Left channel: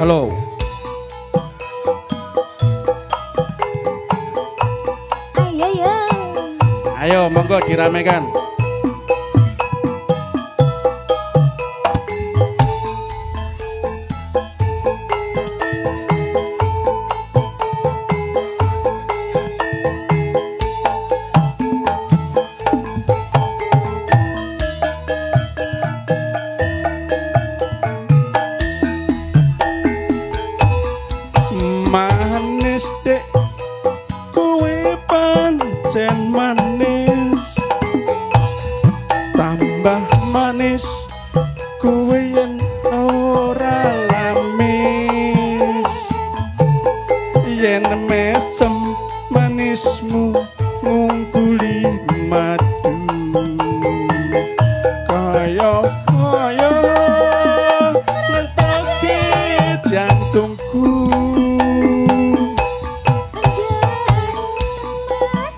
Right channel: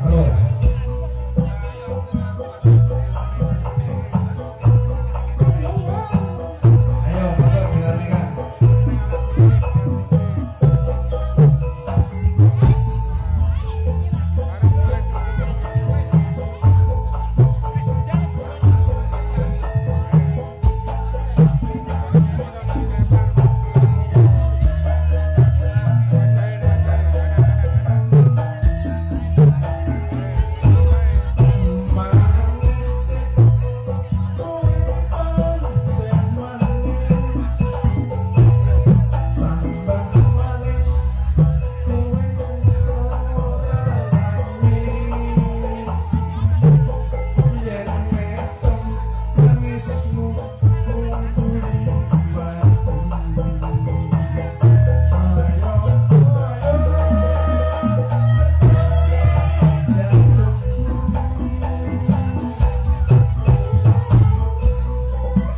Halo. Ayo monggo diramekan.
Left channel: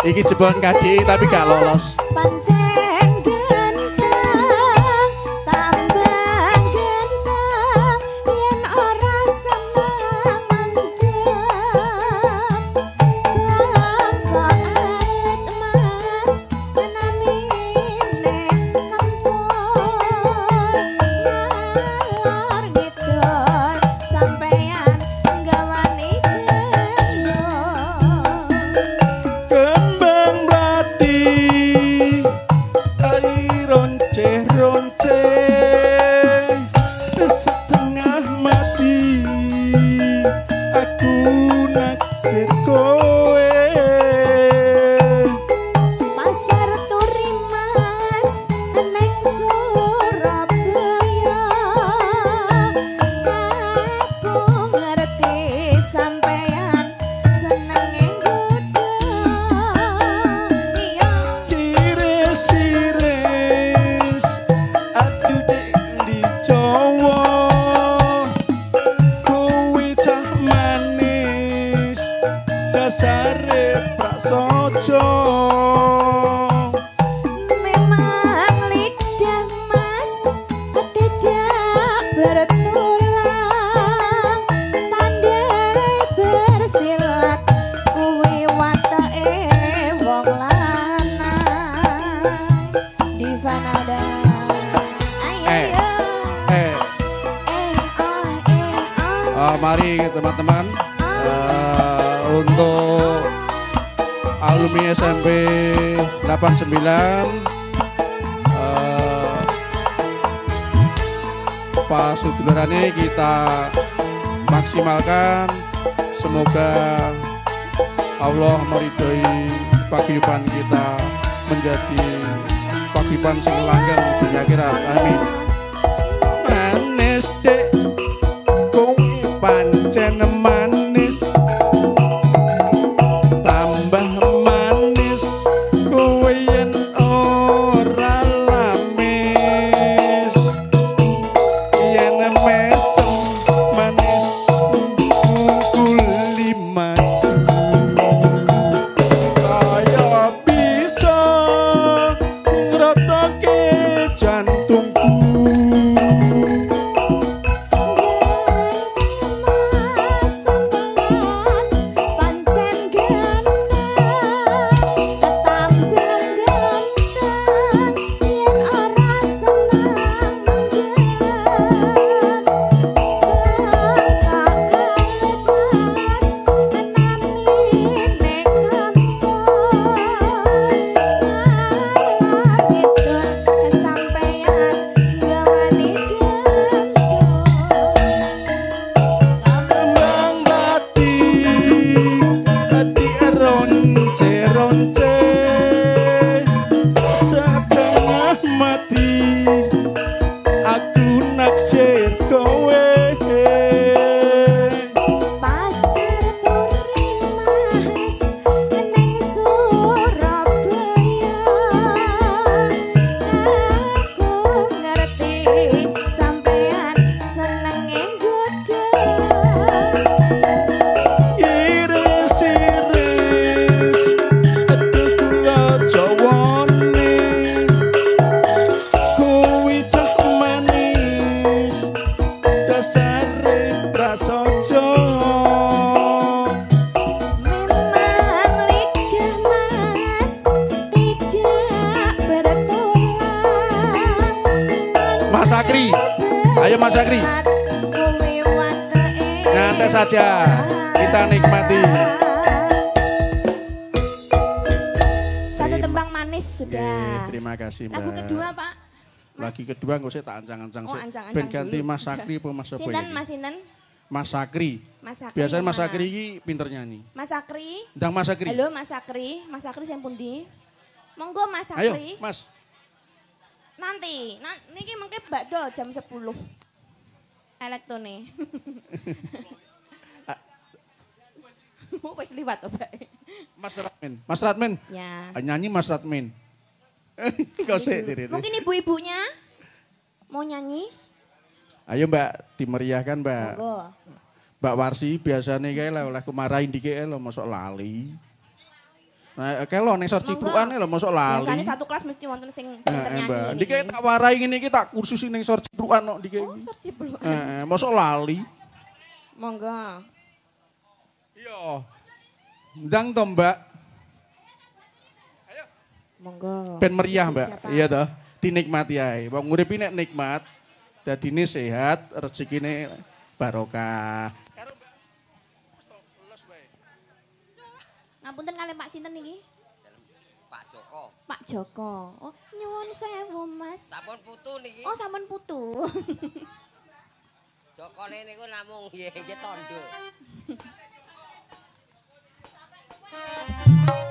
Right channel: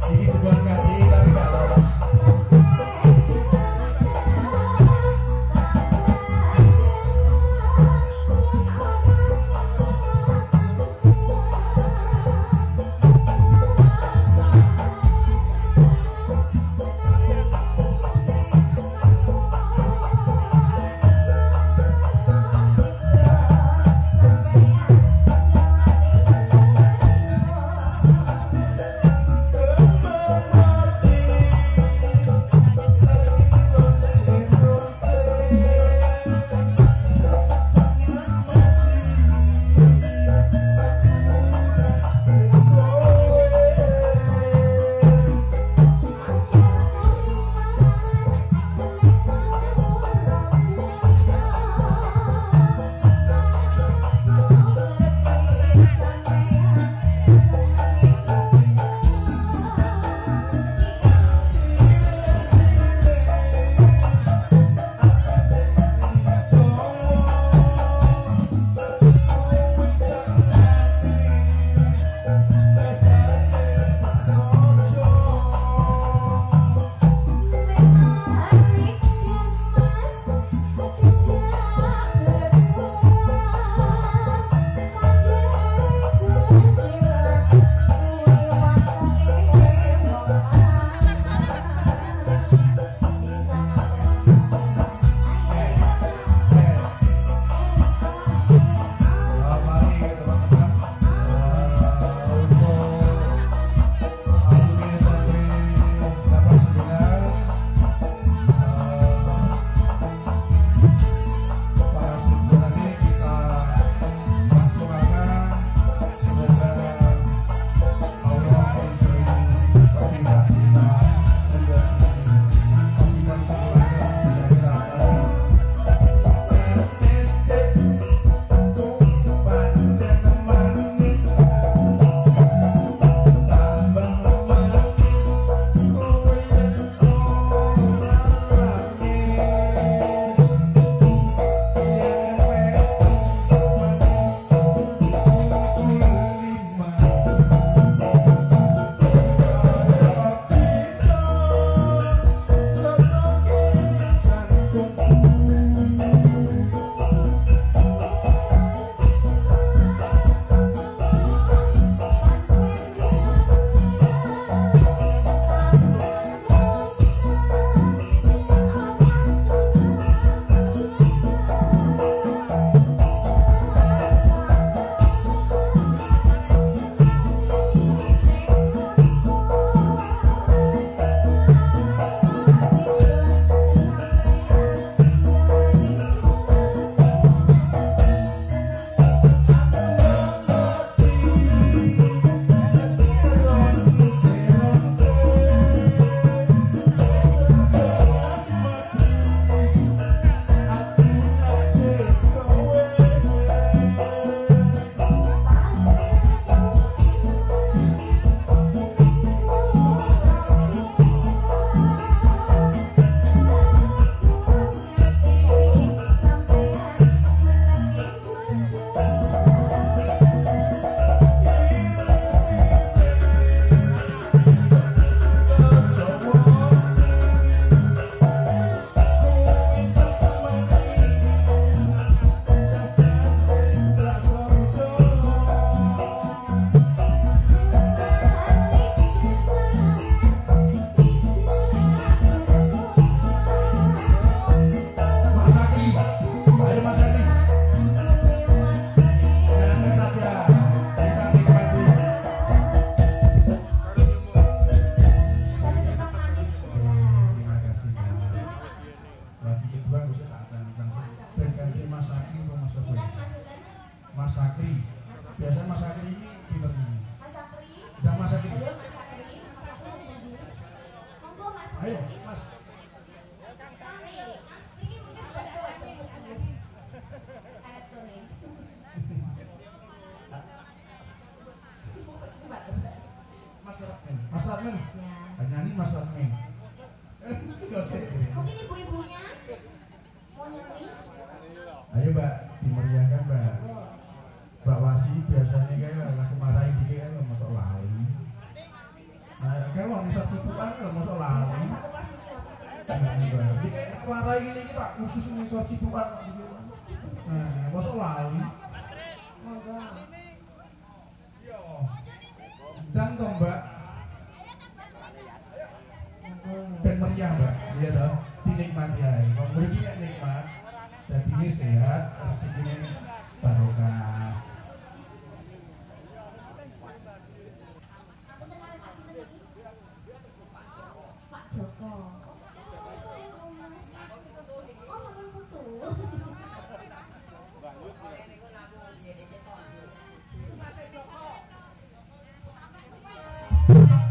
Iki jebolan KDI tapi gak lolos. Mari teman-teman untuk alumni SMP 89 Pak Sudulurane kita maksimalkan, semoga Allah meridhoi paguyuban kita menjadi paguyuban sing langgeng dunya akhirat. Amin. Manis dek pancen manis tambah manis kowe yen ora lamis yen mesem manis kukul liman Sakri. Nyantai saja, kita nikmati. Satu tembang manis sudah. Terima kasih, Mbak. Lagu kedua, Pak. Lagi kedua gue sih tak ancang-ancang sih. Ben ganti Mas Sakri apa Mas apa ya? Sinten, Mas Sinten? Mas Sakri. Mas Sakri. Biasanya Mas Sakri ini pinter nyanyi. Mas Sakri. Ndang Mas Sakri. Halo Mas Sakri. Mas Sakri yang pundi? Monggo Mas Sakri. Ayo, Mas. Nanti, niki mungkin bakdo jam 10. Elektone. Wis liwat Mbak. Mas Ratmin. Mas Ratmin. Ya. Nyanyi Mas Ratmin. Kau sih ini. Mungkin ibu-ibunya mau nyanyi? Ayo Mbak, dimeriahkan Mbak. Monggo. Mbak Warsi biasanya kayak lah oleh kumarahin dikit lo masuk lali. Nah, kayak lo nesor cipruan lo masuk lali. Biasanya satu kelas mesti wonten sing nyanyi. Mbak, dikit tak warai gini kita kursusin nesor cipruan lo dikit. Nesor cipruan. Masuk lali. Monggo. Iya. Ndang toh Mbak. Monggo. Ben meriah Mbak. Iya toh. Dinikmati ae. Wong urip iki nek nikmat, dadine sehat, rezekine barokah. Ngapunten kalih Pak sinten niki? Pak Joko. Pak Joko. Oh, nyuwun sewu Mas. Sampun putu niki. Oh, sampun putu. Jokone niku namung nggih tondo. Thank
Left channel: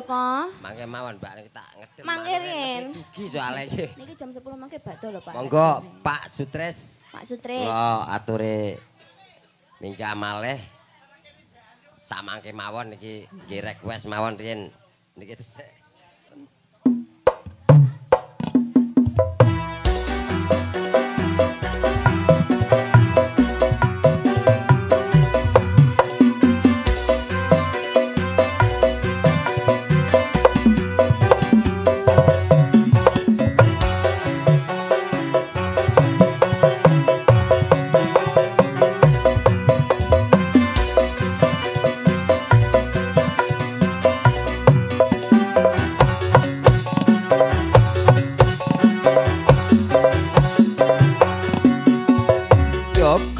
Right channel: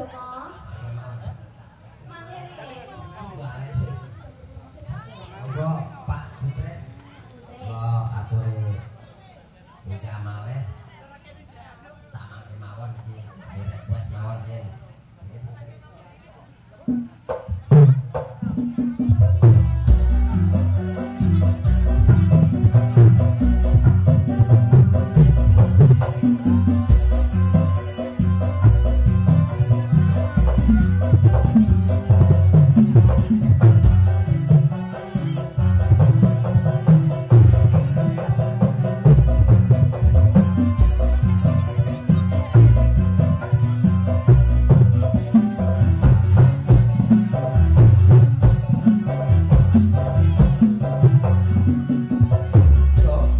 Joko. Mangke mawon Mbak niki tak ngedel. Mangke riyen. Dugi soalnya iki. Niki jam 10 mangke badhe lho, Pak. Monggo Pak Sutres. Pak Sutris. Kula aturi minggah malih. Samangke mawon niki nggih request mawon riyen. Niki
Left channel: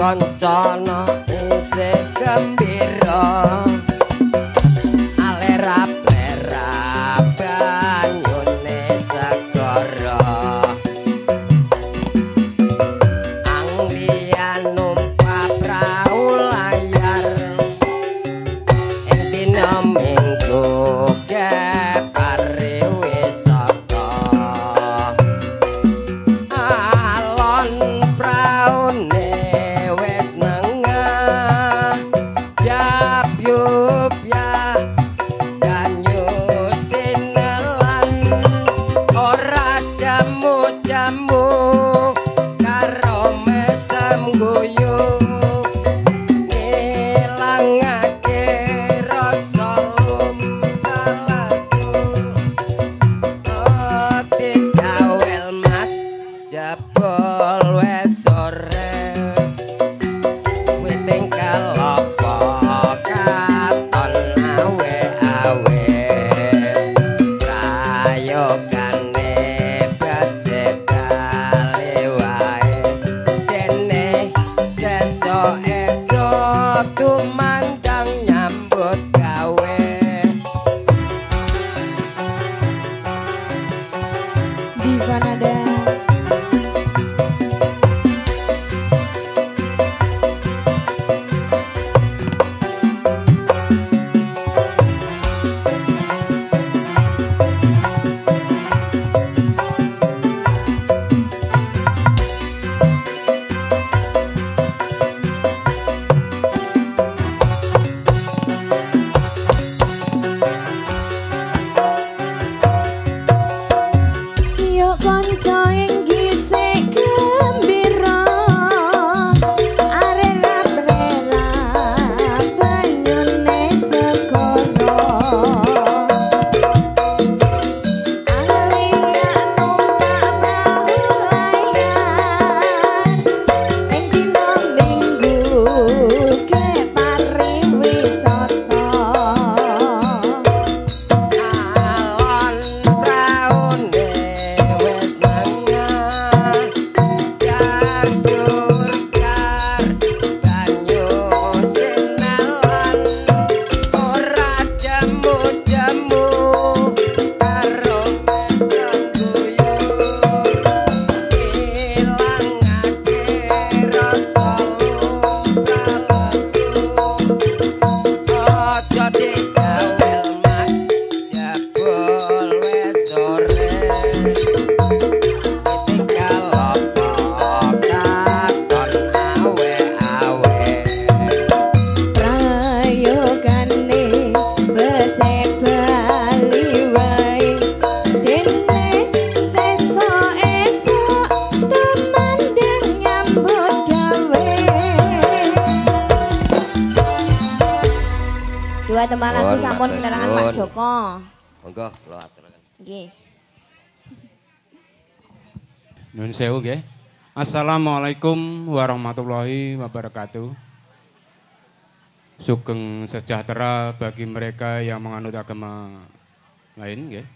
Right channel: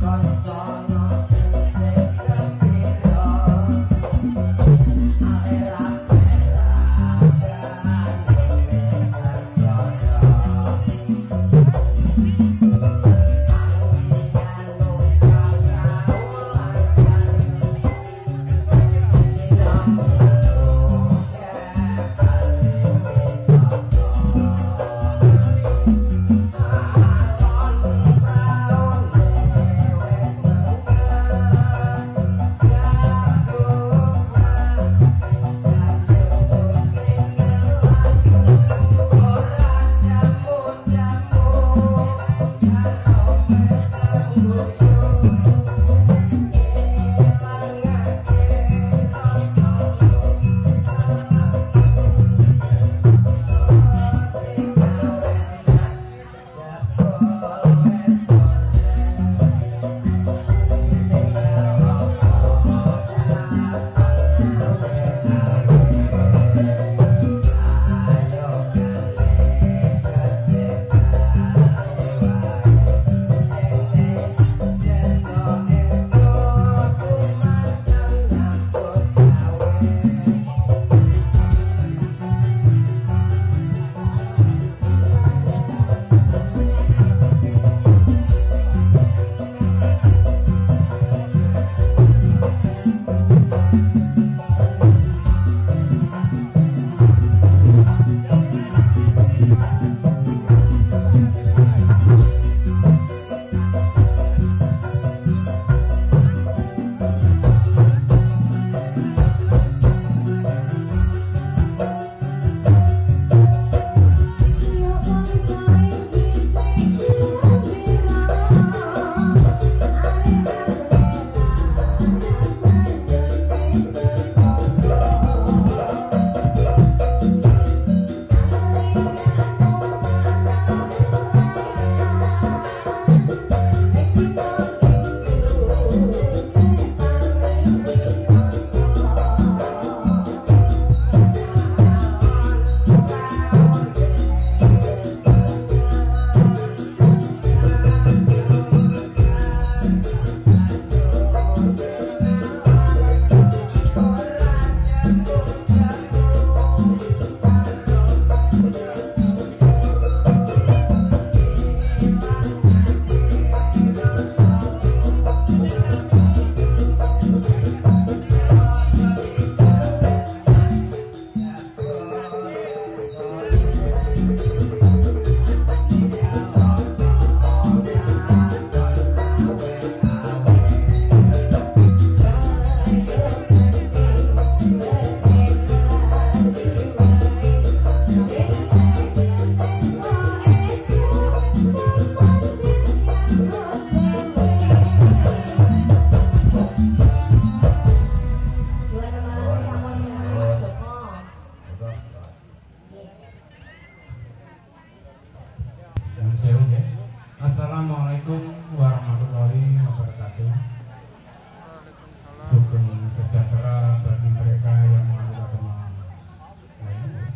kancana isih gembira alerap-lerap banyune segara angdian numpak prau layar ing dina minggu kepare wisata alon praune Tembang lagu sampun senarangan Pak Joko. Monggo kula atur. Nggih. Nuwun sewu nggih. Assalamualaikum warahmatullahi wabarakatuh. Sugeng sejahtera bagi mereka yang menganut agama lain nggih.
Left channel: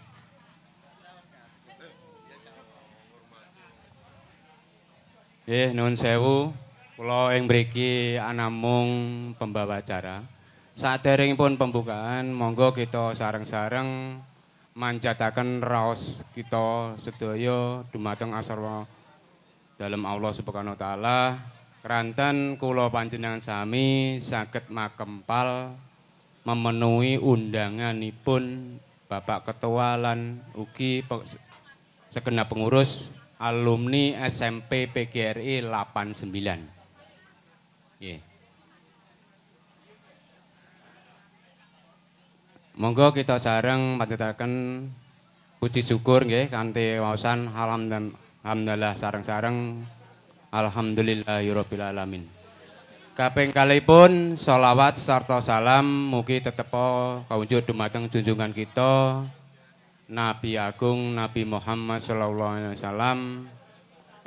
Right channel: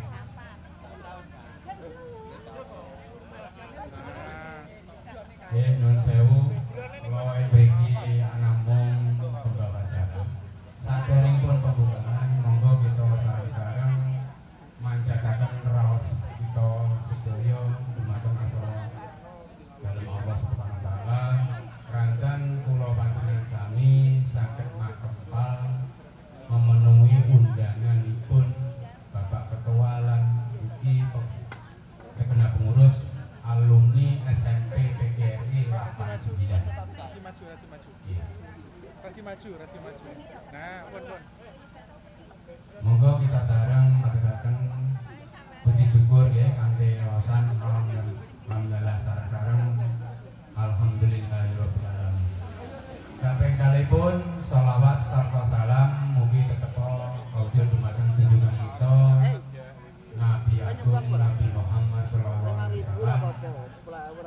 Nggih, nuwun sewu. Kula ing mriki anamung pembawa acara. Saderengipun pembukaan, monggo kita sareng-sareng manjataken raos kita sedaya dumateng asra dalem Allah Subhanahu wa taala. Keranten kula panjenengan sami saged makempal memenuhi undanganipun Bapak Ketua lan ugi segenap pengurus alumni SMP PGRI 89. Nggih. Monggo kita sareng matutaken puji syukur nggih kanthi waosan alhamdulillah sareng-sareng alhamdulillahirabbil alamin. Kaping kalihipun sholawat sarta salam mugi tetepa kawujud dumateng junjungan kita Nabi Agung Nabi Muhammad sallallahu alaihi wasallam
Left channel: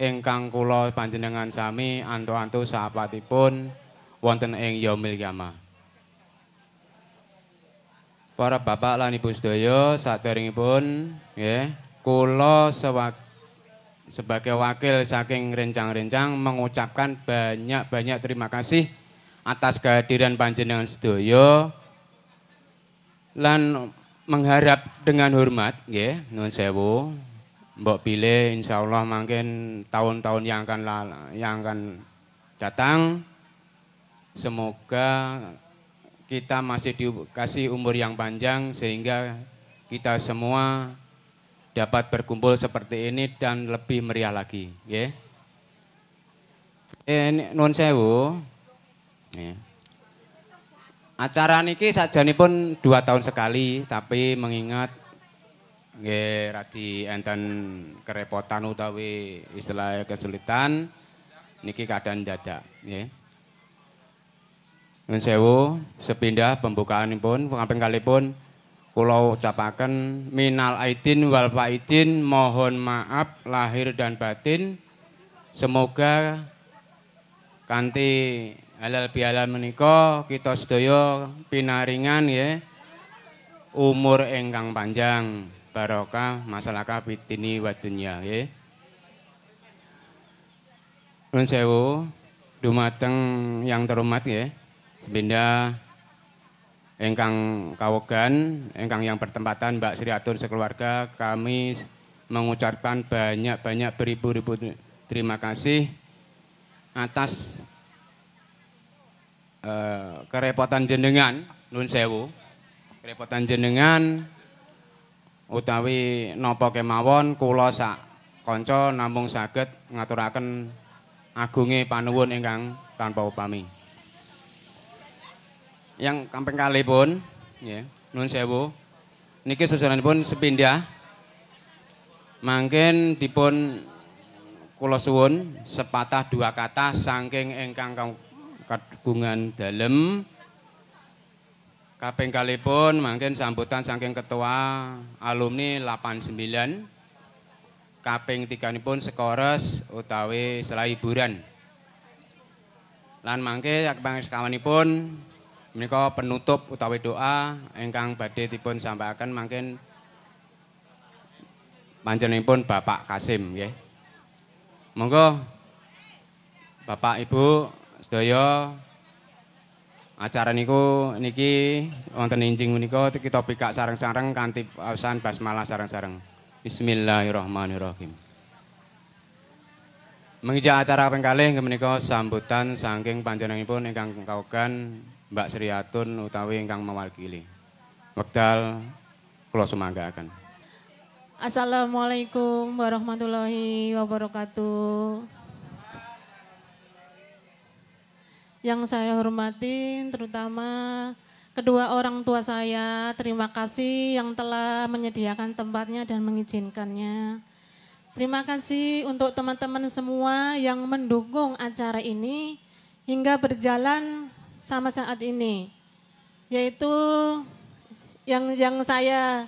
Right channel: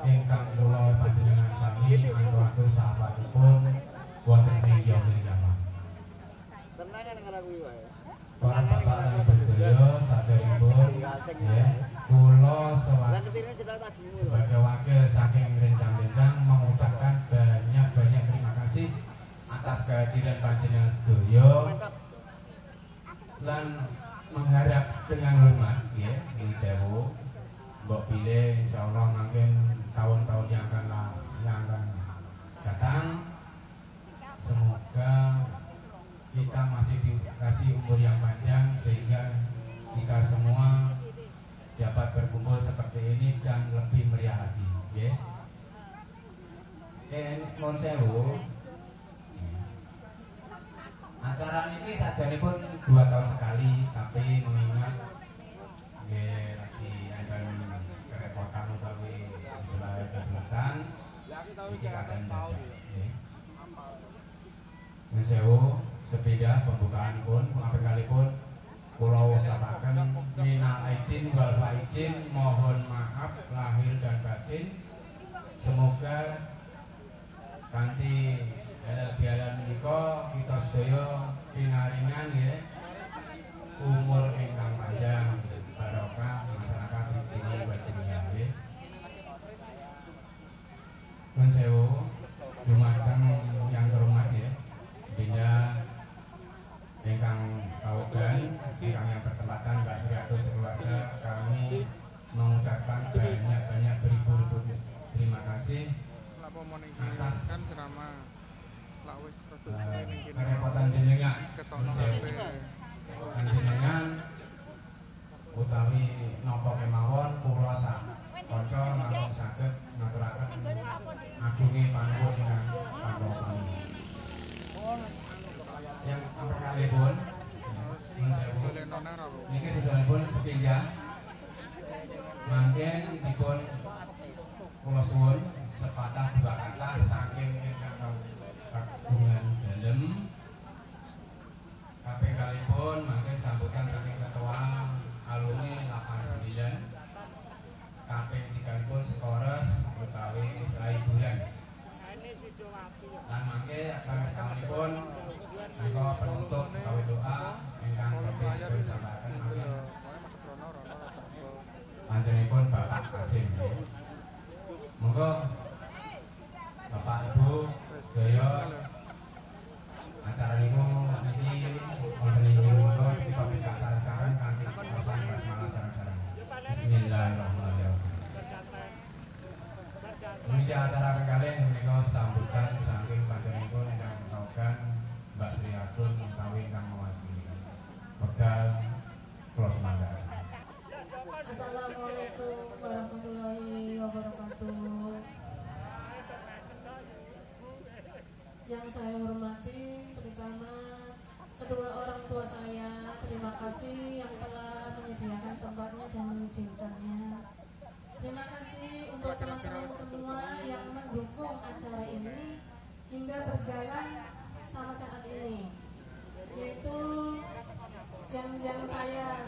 ingkang kula panjenengan sami antu-antu sahabatipun wonten ing yaumil qiyamah. Para bapak lan ibu sedaya saderengipun nggih kula sebagai wakil saking rencang-rencang mengucapkan banyak-banyak terima kasih atas kehadiran panjenengan sedaya lan mengharap dengan hormat nggih nuwun sewu mbok pilih insyaallah mungkin tahun-tahun yang akan datang semoga kita masih dikasih umur yang panjang sehingga kita semua dapat berkumpul seperti ini dan lebih meriah lagi, nggih. Nuwun sewu. Acara niki sajanipun 2 tahun sekali, tapi mengingat nggih radi enten kerepotan utawi istilahnya kesulitan niki keadaan dadak, nggih. Nuwun sewu, sepindah pembukaanipun kaping kalihipun kula ucapaken minal aidin wal faidin, mohon maaf lahir dan batin. Semoga kanthi halal bihalal menika kita sedaya pinaringan ya umur ingkang panjang barokah masalahka fitini wa dunya nggih. Nuwun sewu dumateng yang terhormat nggih. Sepindah ingkang kawogan, ingkang yang bertempatan Mbak Sri Atur sekeluarga, kami mengucapkan banyak-banyak beribu-ribu terima kasih atas kerepotan jenengan, nuwun sewu. Kerepotan jenengan utawi napa kemawon kula sak kanca namung saged ngaturaken agunge panuwun ingkang tanpa upami. Yang kaping kalihipun nggih nuwun sewu niki susunanipun sepindah mangken dipun kula suwun sepatah dua kata saking ingkang kagungan dalem. Kaping kalihipun mangken sambutan saking ketua alumni 89. Kaping tiganipun sekores utawi selah hiburan lan mangke kaping sekawanipun menika penutup utawi doa ingkang badhe dipun sampaikan mangken panjenenganipun Bapak Kasim nggih. Monggo Bapak Ibu sedaya acara niku niki wonten injing menika kita pikak sareng-sareng kanthi waosan basmalah sareng-sareng. Bismillahirrahmanirrahim. Mengijak acara kaping kalih menika sambutan saking panjenenganipun ingkang kagungan Mbak Sri Atun utawi ingkang mewakili. Wekdal kula sumanggaken. Assalamualaikum warahmatullahi wabarakatuh. Yang saya hormati terutama kedua orang tua saya, terima kasih yang telah menyediakan tempatnya dan mengizinkannya. Terima kasih untuk teman-teman semua yang mendukung acara ini hingga berjalan sama saat ini, yaitu yang saya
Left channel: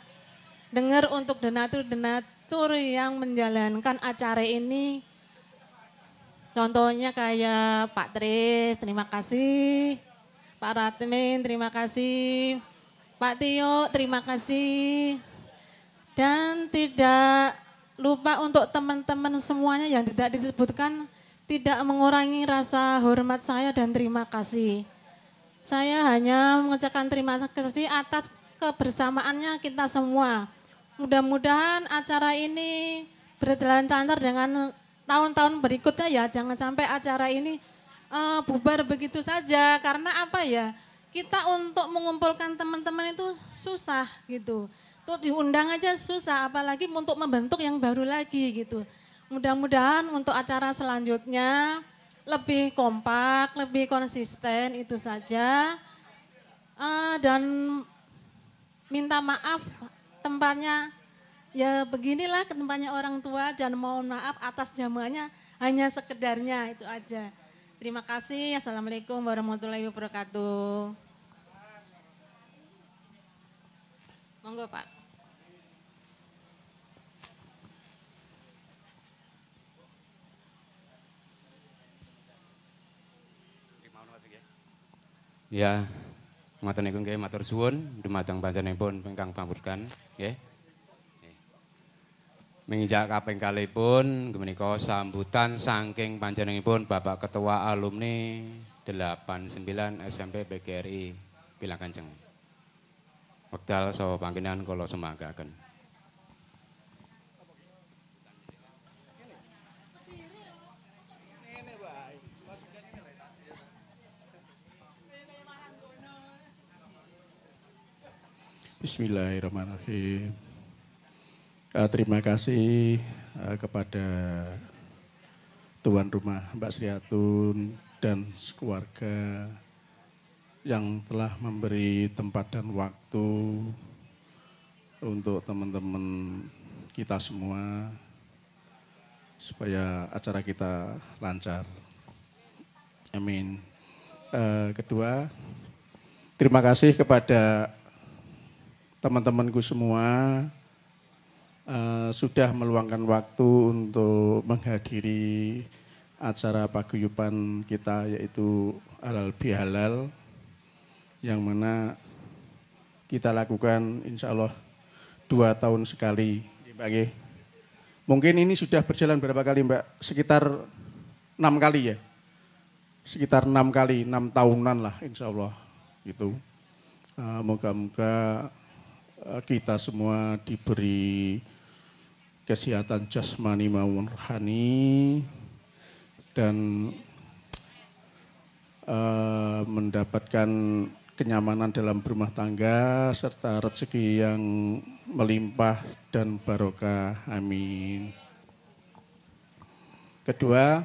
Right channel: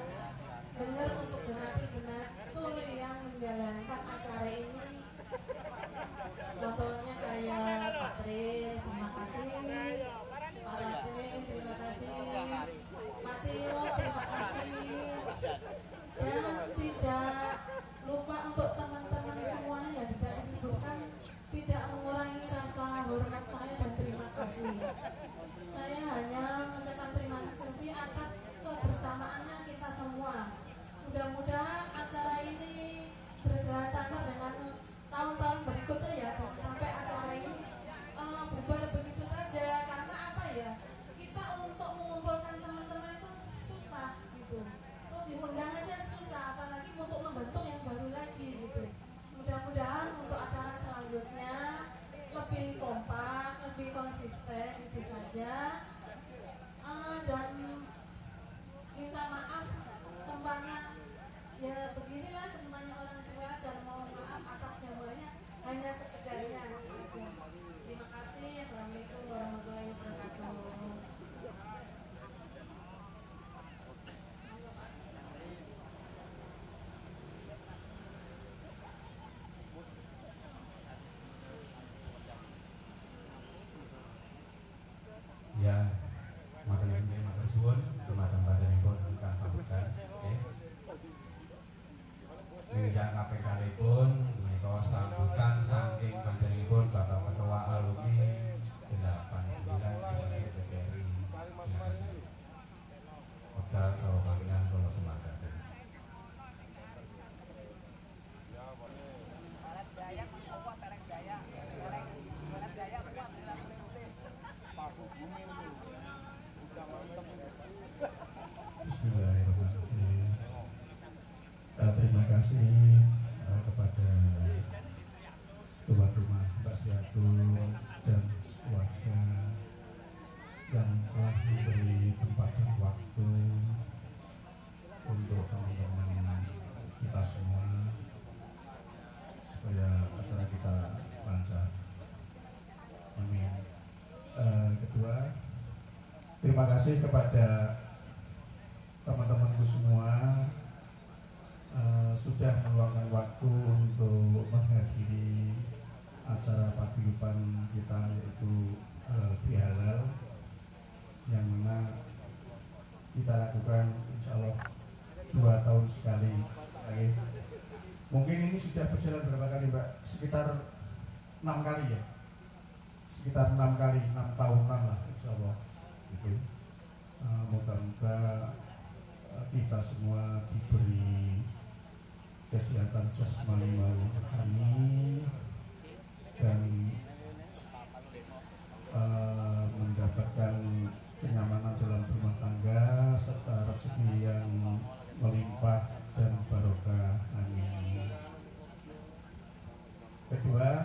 dengar untuk donatur yang menjalankan acara ini, contohnya kayak Pak Tris, terima kasih, Pak Ratmin, terima kasih, Pak Tio, terima kasih, dan tidak lupa untuk teman-teman semuanya yang tidak disebutkan, tidak mengurangi rasa hormat saya dan terima kasih. Saya hanya mengucapkan terima kasih atas kebersamaannya kita semua. Mudah-mudahan acara ini berjalan lancar dengan tahun-tahun berikutnya ya. Jangan sampai acara ini bubar begitu saja. Karena apa ya, kita untuk mengumpulkan teman-teman itu susah gitu. Tuh diundang aja susah, apalagi untuk membentuk yang baru lagi gitu. Mudah-mudahan untuk acara selanjutnya lebih kompak, lebih konsisten, itu saja. Dan minta maaf tempatnya ya beginilah tempatnya orang tua, dan mohon maaf atas jamuannya hanya sekedarnya, itu aja. Terima kasih. Assalamualaikum warahmatullahi wabarakatuh. Monggo Pak. Ya, ngoten niku nggih matur suwun dumateng panjenenganipun ingkang pamurkan nggih. Menginjak kaping kalihipun menika sambutan saking panjenenganipun Bapak Ketua Alumni 89 SMP PGRI Pilang Kanjeng. Wekdal saha panggenan kula semanggaken. Bismillahirrahmanirrahim. Terima kasih kepada tuan rumah Mbak Sriatun dan sekeluarga yang telah memberi tempat dan waktu untuk teman-teman kita semua supaya acara kita lancar. Amin. Kedua, terima kasih kepada teman-temanku semua sudah meluangkan waktu untuk menghadiri acara paguyuban kita, yaitu Halal Bihalal, yang mana kita lakukan insya Allah 2 tahun sekali. Mungkin ini sudah berjalan berapa kali Mbak? Sekitar 6 kali ya? Sekitar 6 kali, 6 tahunan lah insya Allah gitu. Moga-moga kita semua diberi kesehatan jasmani maupun rohani dan mendapatkan kenyamanan dalam berumah tangga serta rezeki yang melimpah dan barokah. Amin. Kedua,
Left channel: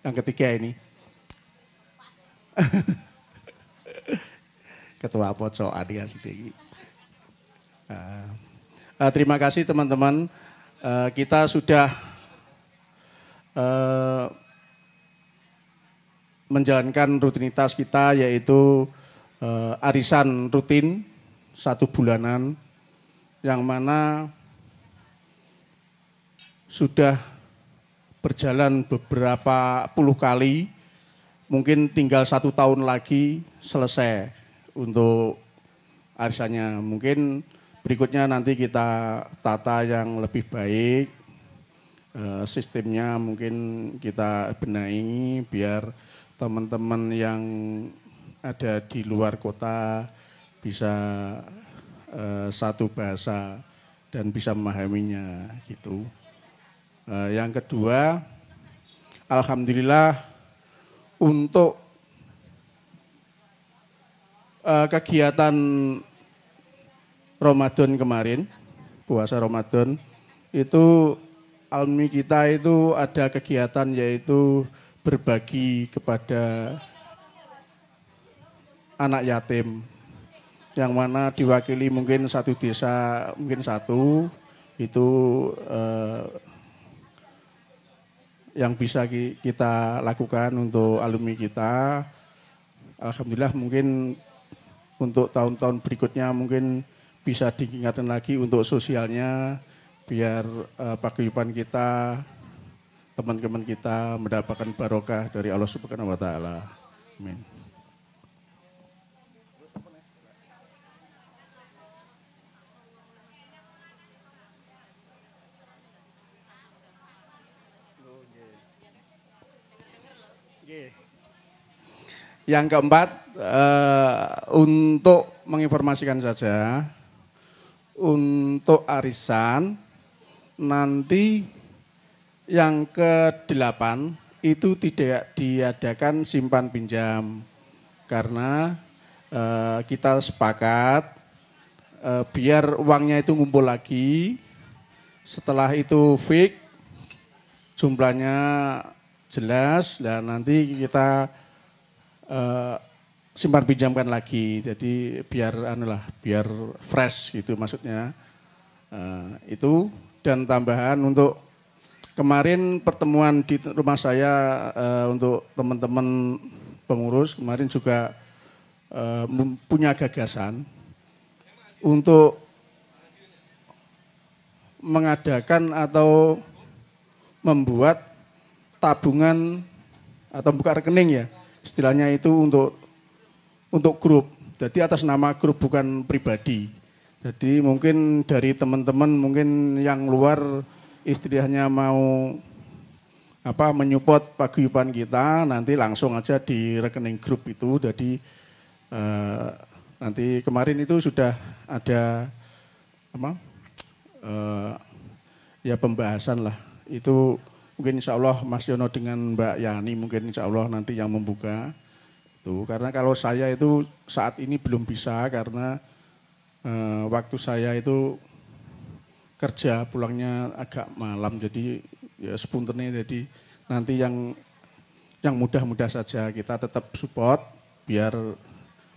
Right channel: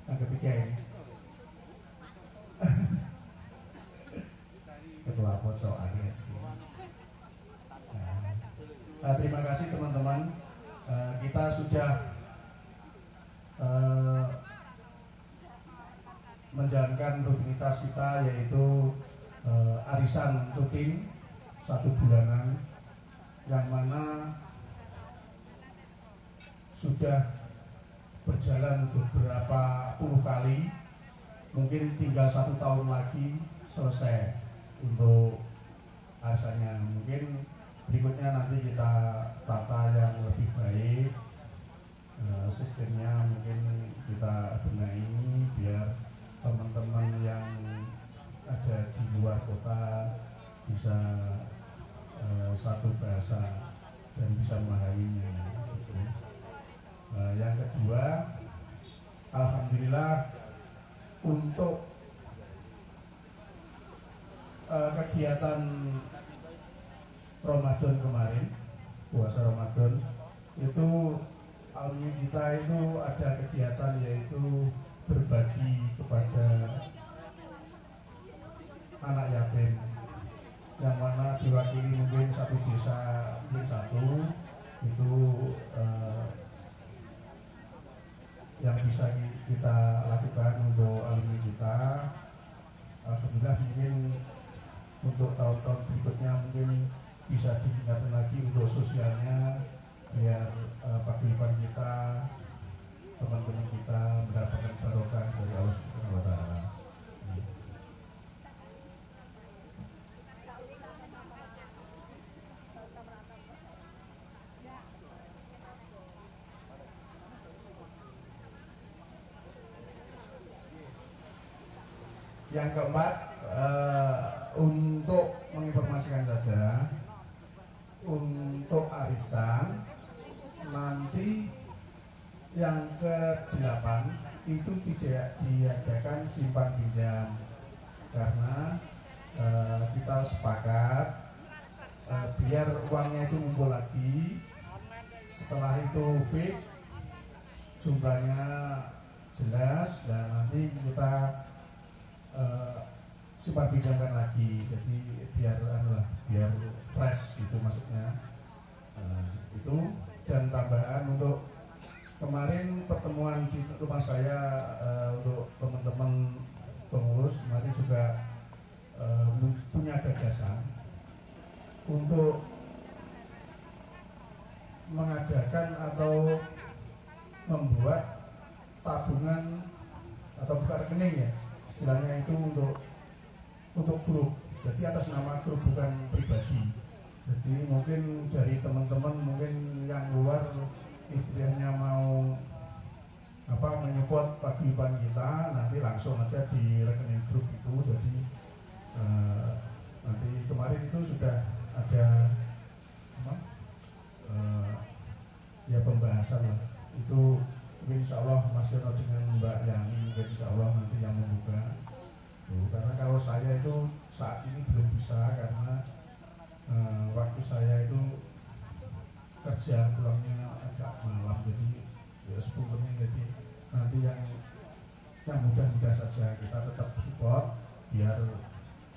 yang ketiga ini Ketua Pocokan ya sedikit. Terima kasih teman-teman. Kita sudah menjalankan rutinitas kita, yaitu arisan rutin 1 bulanan, yang mana sudah berjalan beberapa puluh kali. Mungkin tinggal 1 tahun lagi selesai untuk arisannya. Mungkin berikutnya nanti kita tata yang lebih baik, sistemnya mungkin kita benahi biar teman-teman yang ada di luar kota bisa satu bahasa dan bisa memahaminya gitu. Yang kedua, alhamdulillah untuk kegiatan Ramadan kemarin, puasa Ramadan, itu alumni kita itu ada kegiatan yaitu berbagi kepada anak yatim, yang mana diwakili mungkin 1 desa, mungkin 1 itu yang bisa kita lakukan untuk alumni kita. Alhamdulillah mungkin untuk tahun-tahun berikutnya mungkin bisa diingatkan lagi untuk sosialnya, biar paguyuban kita, teman-teman kita mendapatkan barokah dari Allah Subhanahu wa taala. Amin. Yang keempat, untuk menginformasikan saja, untuk arisan nanti yang ke-8 itu tidak diadakan simpan pinjam, karena kita sepakat biar uangnya itu ngumpul lagi. Setelah itu fix jumlahnya jelas dan nanti kita simpan pinjamkan lagi. Jadi biar biar fresh gitu maksudnya. Itu dan tambahan untuk kemarin pertemuan di rumah saya untuk teman-teman pengurus kemarin juga punya gagasan untuk mengadakan atau membuat tabungan atau buka rekening ya istilahnya itu untuk grup. Jadi atas nama grup bukan pribadi. Jadi mungkin dari teman-teman mungkin yang luar istilahnya mau menyupport paguyuban kita nanti langsung aja di rekening grup itu. Jadi nanti kemarin itu sudah ada ya pembahasan lah. Itu mungkin insya Allah Mas Yono dengan Mbak Yani mungkin insya Allah nanti yang membuka. Tuh, karena kalau saya itu saat ini belum bisa karena waktu saya itu kerja pulangnya agak malam jadi ya spontannya jadi nanti yang mudah-mudah saja kita tetap support biar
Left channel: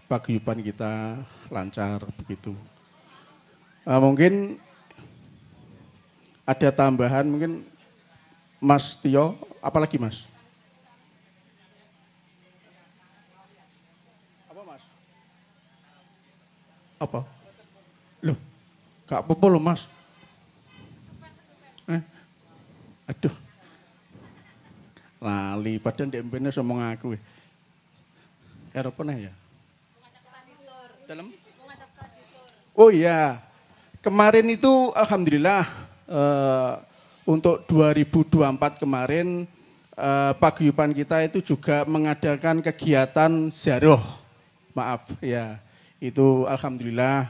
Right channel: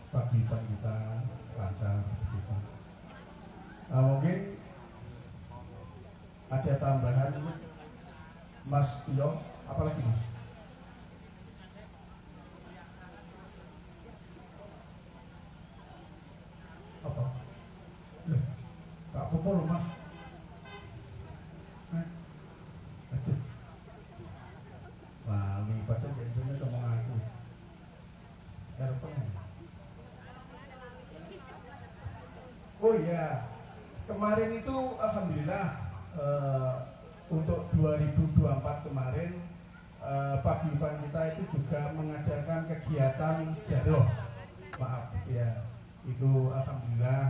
paguyuban kita lancar begitu. Mungkin ada tambahan mungkin Mas Tio, apalagi Mas? Apa? Loh, gak apa-apa loh Mas. Aduh. Lali, padahal di MP-nya ngomong aku. Apa ya? Dalam? Oh iya, kemarin itu alhamdulillah untuk 2024 kemarin paguyuban kita itu juga mengadakan kegiatan ziarah. Maaf ya, itu alhamdulillah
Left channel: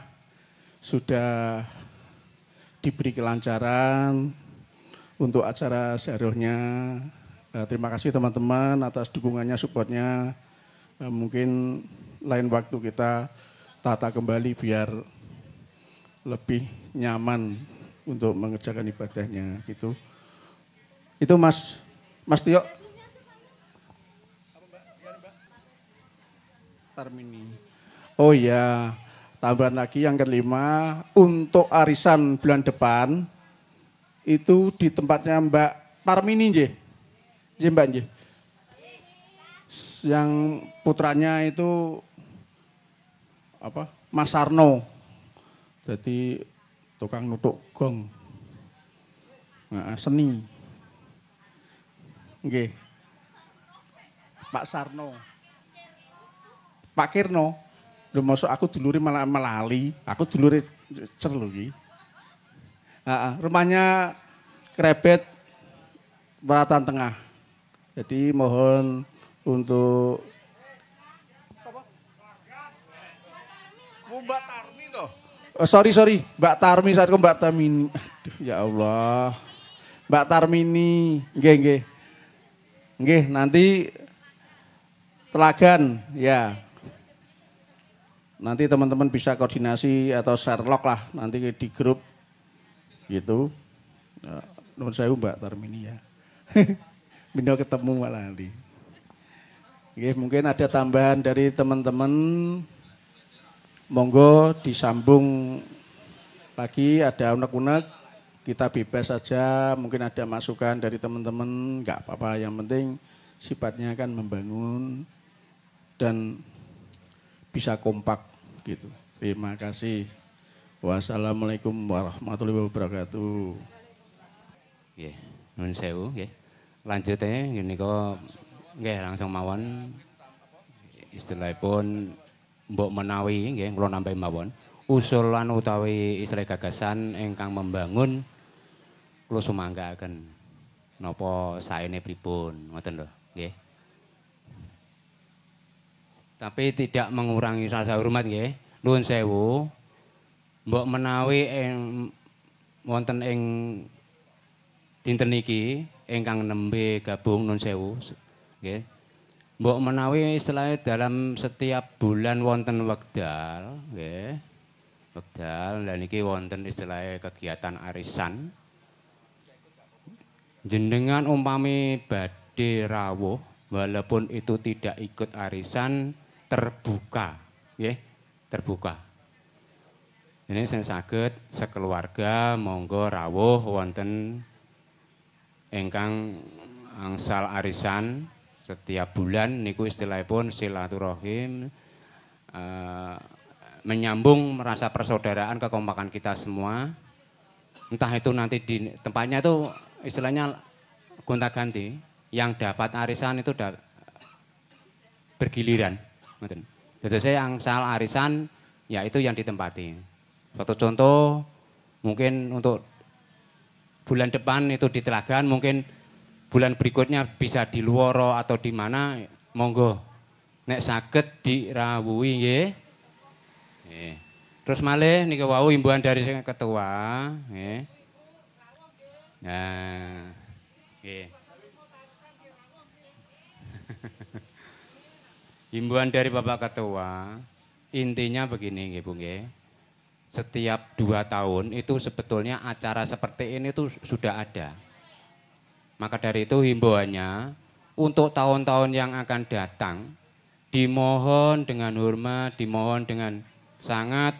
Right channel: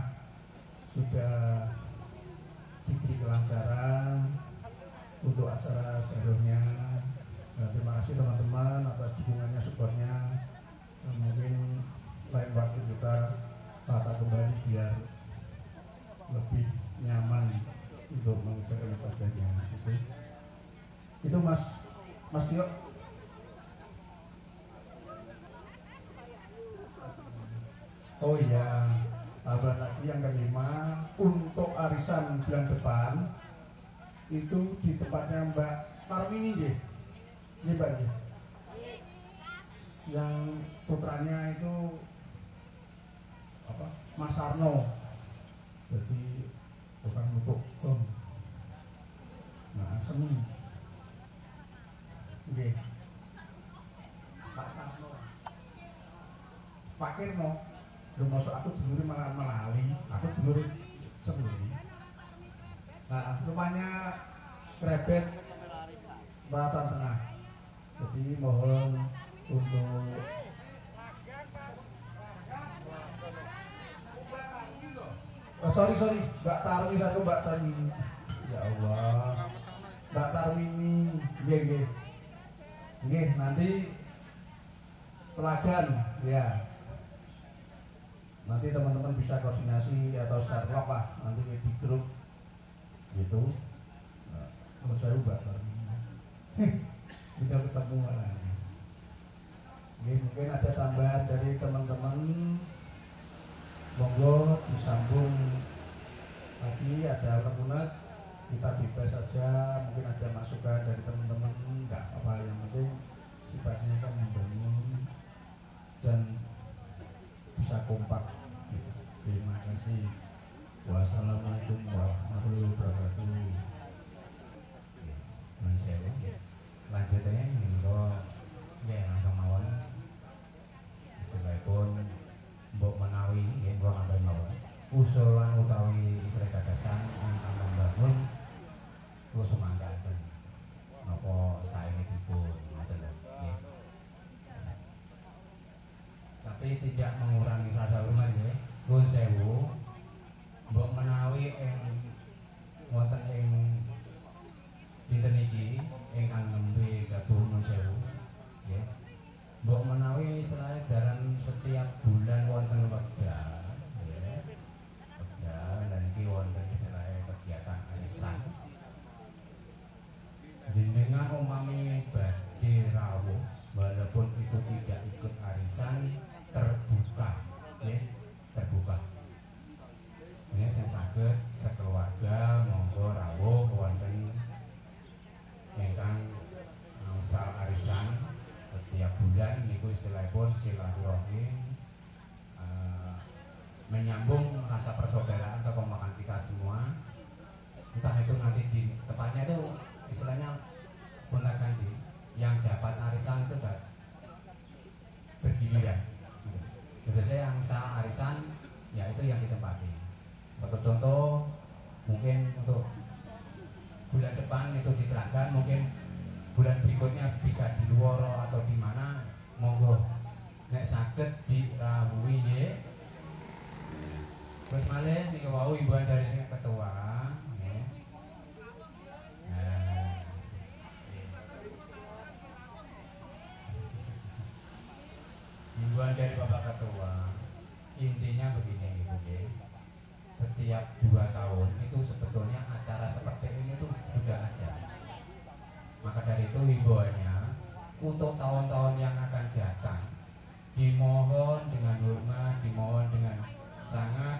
sudah diberi kelancaran untuk acara ziarahnya. Terima kasih teman-teman atas dukungannya, supportnya. Mungkin lain waktu kita tata kembali biar lebih nyaman untuk mengerjakan ibadahnya gitu. Itu Mas Tio. Tarmini. Oh iya, tambahan lagi yang kelima untuk arisan bulan depan itu di tempatnya Mbak Tarmini nggih. Nggih Mbak nggih. Yang putranya itu Mas Sarno. Jadi tukang nutuk gong. Nah, seni. Nggih. Pak Sarno. Pak Kirno. Lho masuk aku dulure malah melali. Aku dulure cer lho iki. Rumahnya Krebet Baratan Tengah. Jadi mohon untuk Mbak Tarmi toh. Oh, sorry Mbak Tarmi saatku Mbak Tarmini. Aduh, ya Allah. Mbak Tarmini, nggih nanti Telagan ya. Nanti teman-teman bisa koordinasi atau share log lah nanti di grup gitu. Nomor saya Mbak Tarmini ya. Bino ketemu malah nanti. Oke, mungkin ada tambahan dari teman-teman. Monggo disambung lagi, ada unek-unek, kita bebas saja. Mungkin ada masukan dari teman-teman, nggak apa-apa. Yang penting sifatnya kan membangun dan bisa kompak gitu. Terima kasih. Wassalamualaikum warahmatullahi wabarakatuh. Nggih, nuwun sewu nggih. Lanjutnya gini kok nggih langsung mawon istilahipun mbok menawi nggih kula nambahi mawon usulan utawi istilah gagasan ingkang membangun kula sumanggaaken napa saene pripun ngoten lho nggih. Tapi tidak mengurangi rasa hormat nggih. Nuwun sewu. Mbok menawi wonten ing dinten iki ingkang nembe gabung nuwun sewu nggih. mbok menawi istilahnya dalam setiap bulan wonten wekdal, nggih. Wekdal lan iki wonten istilahnya kegiatan arisan. Jenengan umpami badhe rawuh walaupun itu tidak ikut arisan terbuka, nggih, terbuka. Ini sing saged sekeluarga monggo rawuh wonten ingkang angsal arisan setiap bulan niku istilahipun silaturahim, menyambung rasa persaudaraan kekompakan kita semua. Entah itu nanti di tempatnya itu istilahnya gonta-ganti, yang dapat arisan itu bergiliran. Jadi saya yang salah arisan ya itu yang ditempati. Suatu contoh mungkin untuk bulan depan itu di Telagan, mungkin bulan berikutnya bisa di Luoro atau di mana, monggo nek saged dirawuhi nggih. Terus malih niku wau imbauan dari ketua nggih. Nah, nggih. Imbauan dari Bapak Ketua, intinya begini nggih Bu nggih. Setiap 2 tahun itu sebetulnya acara seperti ini tuh sudah ada. Maka dari itu himbauannya untuk tahun-tahun yang akan datang dimohon dengan hormat, dimohon dengan sangat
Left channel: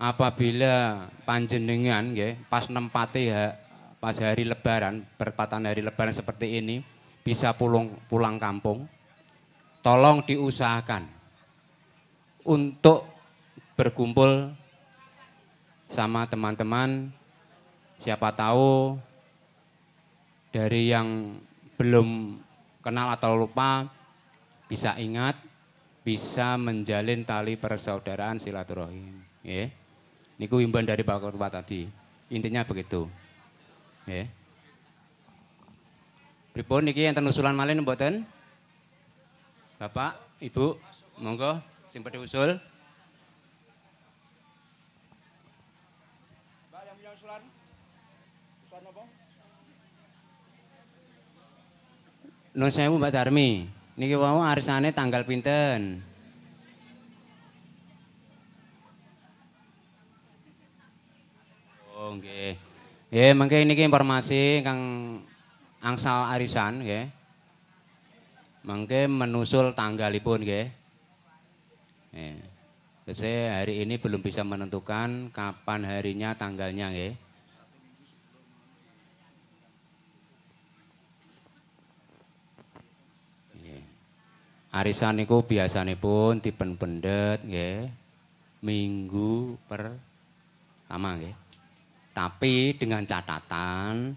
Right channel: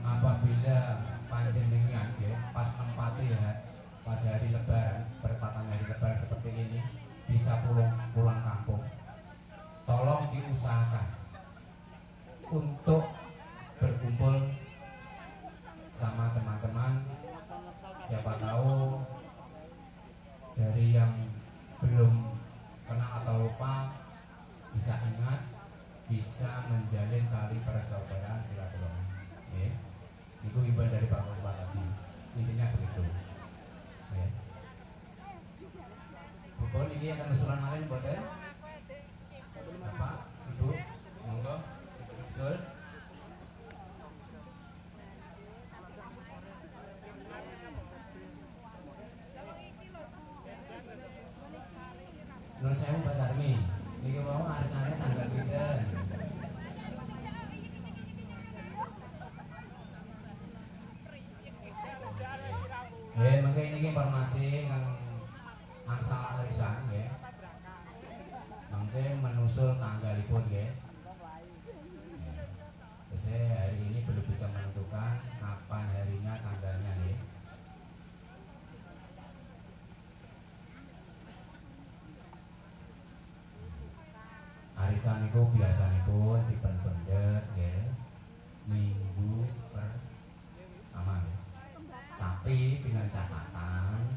apabila panjenengan nggih pas nempati pas hari lebaran, bertepatan hari lebaran seperti ini bisa pulang kampung. Tolong diusahakan untuk berkumpul sama teman-teman, siapa tahu dari yang belum kenal atau lupa bisa ingat, bisa menjalin tali persaudaraan silaturahim. Nggih. Niku imbauan dari Pak Ketua tadi. Intinya begitu. Nggih. Pripun niki enten usulan malih mboten? Bapak, Ibu, monggo sing badhe usul. Nun sewu Mbak Darmi, niki wau arisane tanggal pinten? Oh nggih. Nggih, mangke niki informasi kang angsal arisan nggih. Mangke menusul tanggalipun nggih. Nggih. Saya hari ini belum bisa menentukan kapan harinya, tanggalnya nggih. Arisan niku biasanipun dipen pendet nggih minggu pertama nggih. Tapi dengan catatan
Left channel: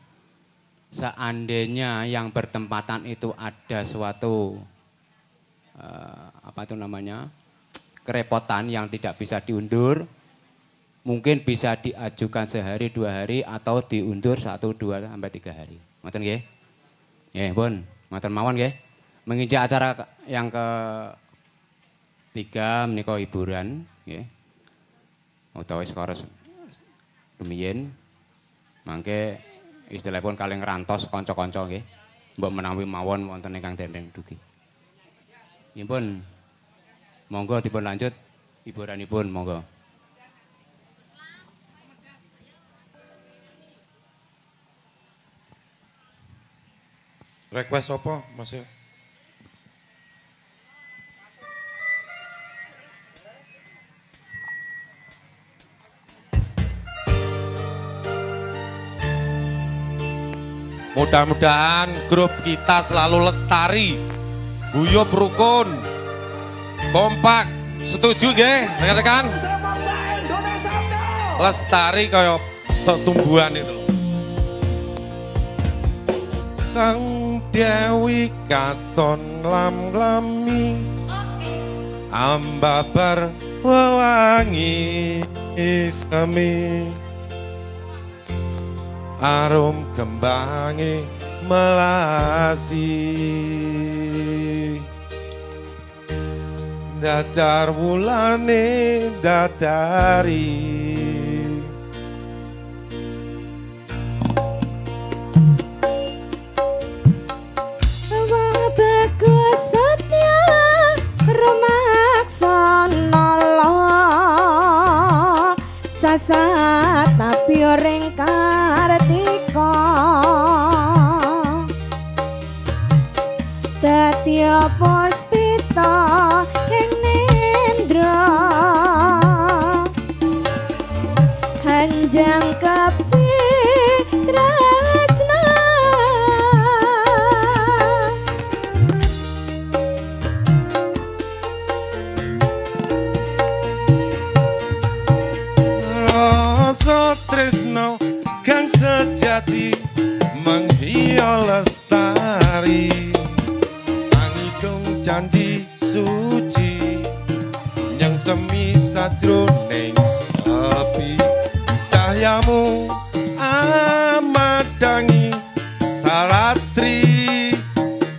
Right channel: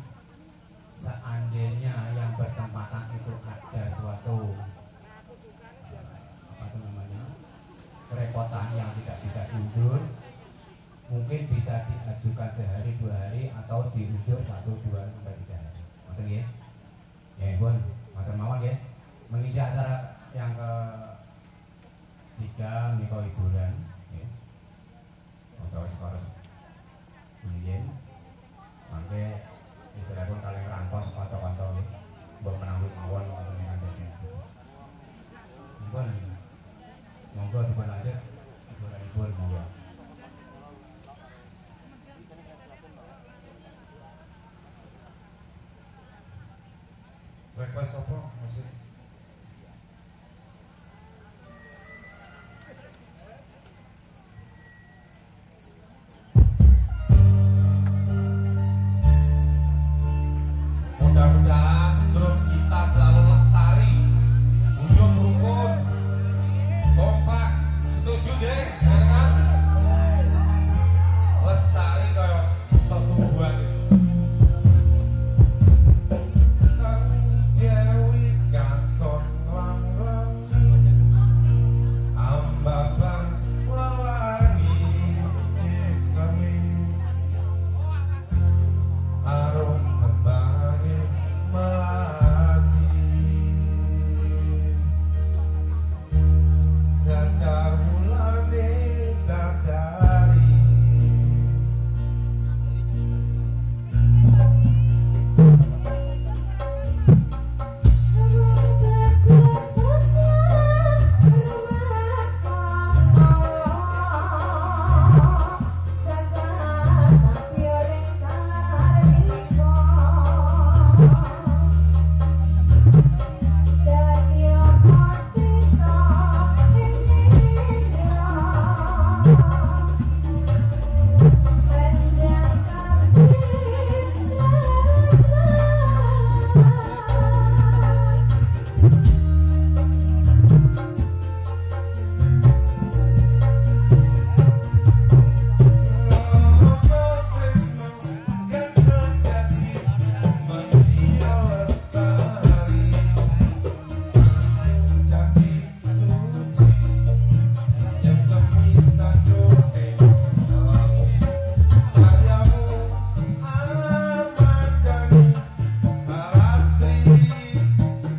seandainya yang bertempatan itu ada suatu apa itu namanya? Kerepotan yang tidak bisa diundur, mungkin bisa diajukan sehari 2 hari atau diundur 1, 2 sampai 3 hari. Ngoten nggih. Nggih, pun, ngoten mawon nggih. Menginjak acara yang ke-3 menika hiburan nggih. Utawi skoro rumiyin mangke istilahipun kalih ngrantos kanca-kanca nggih. Mbok menawi mawon wonten ingkang dendeng dugi. Nggih pun monggo dipun lanjut hiburanipun monggo. Request apa Mas? Mudah-mudahan grup kita selalu lestari, guyub rukun, kompak, setuju nggih, rekan-rekan? Lestari kaya tumbuhan itu. Sang Dewi katon lam-lami, ambabar wewangi isami. Arum kembangi melati, datar wulane datari. Bagus ring Kartika dadi puspita ing nendra hanjang kepi tresna rasa tresno kang sejati menghias lestari anggung janji suci yang semi sajroning sepi cahayamu amadangi saratri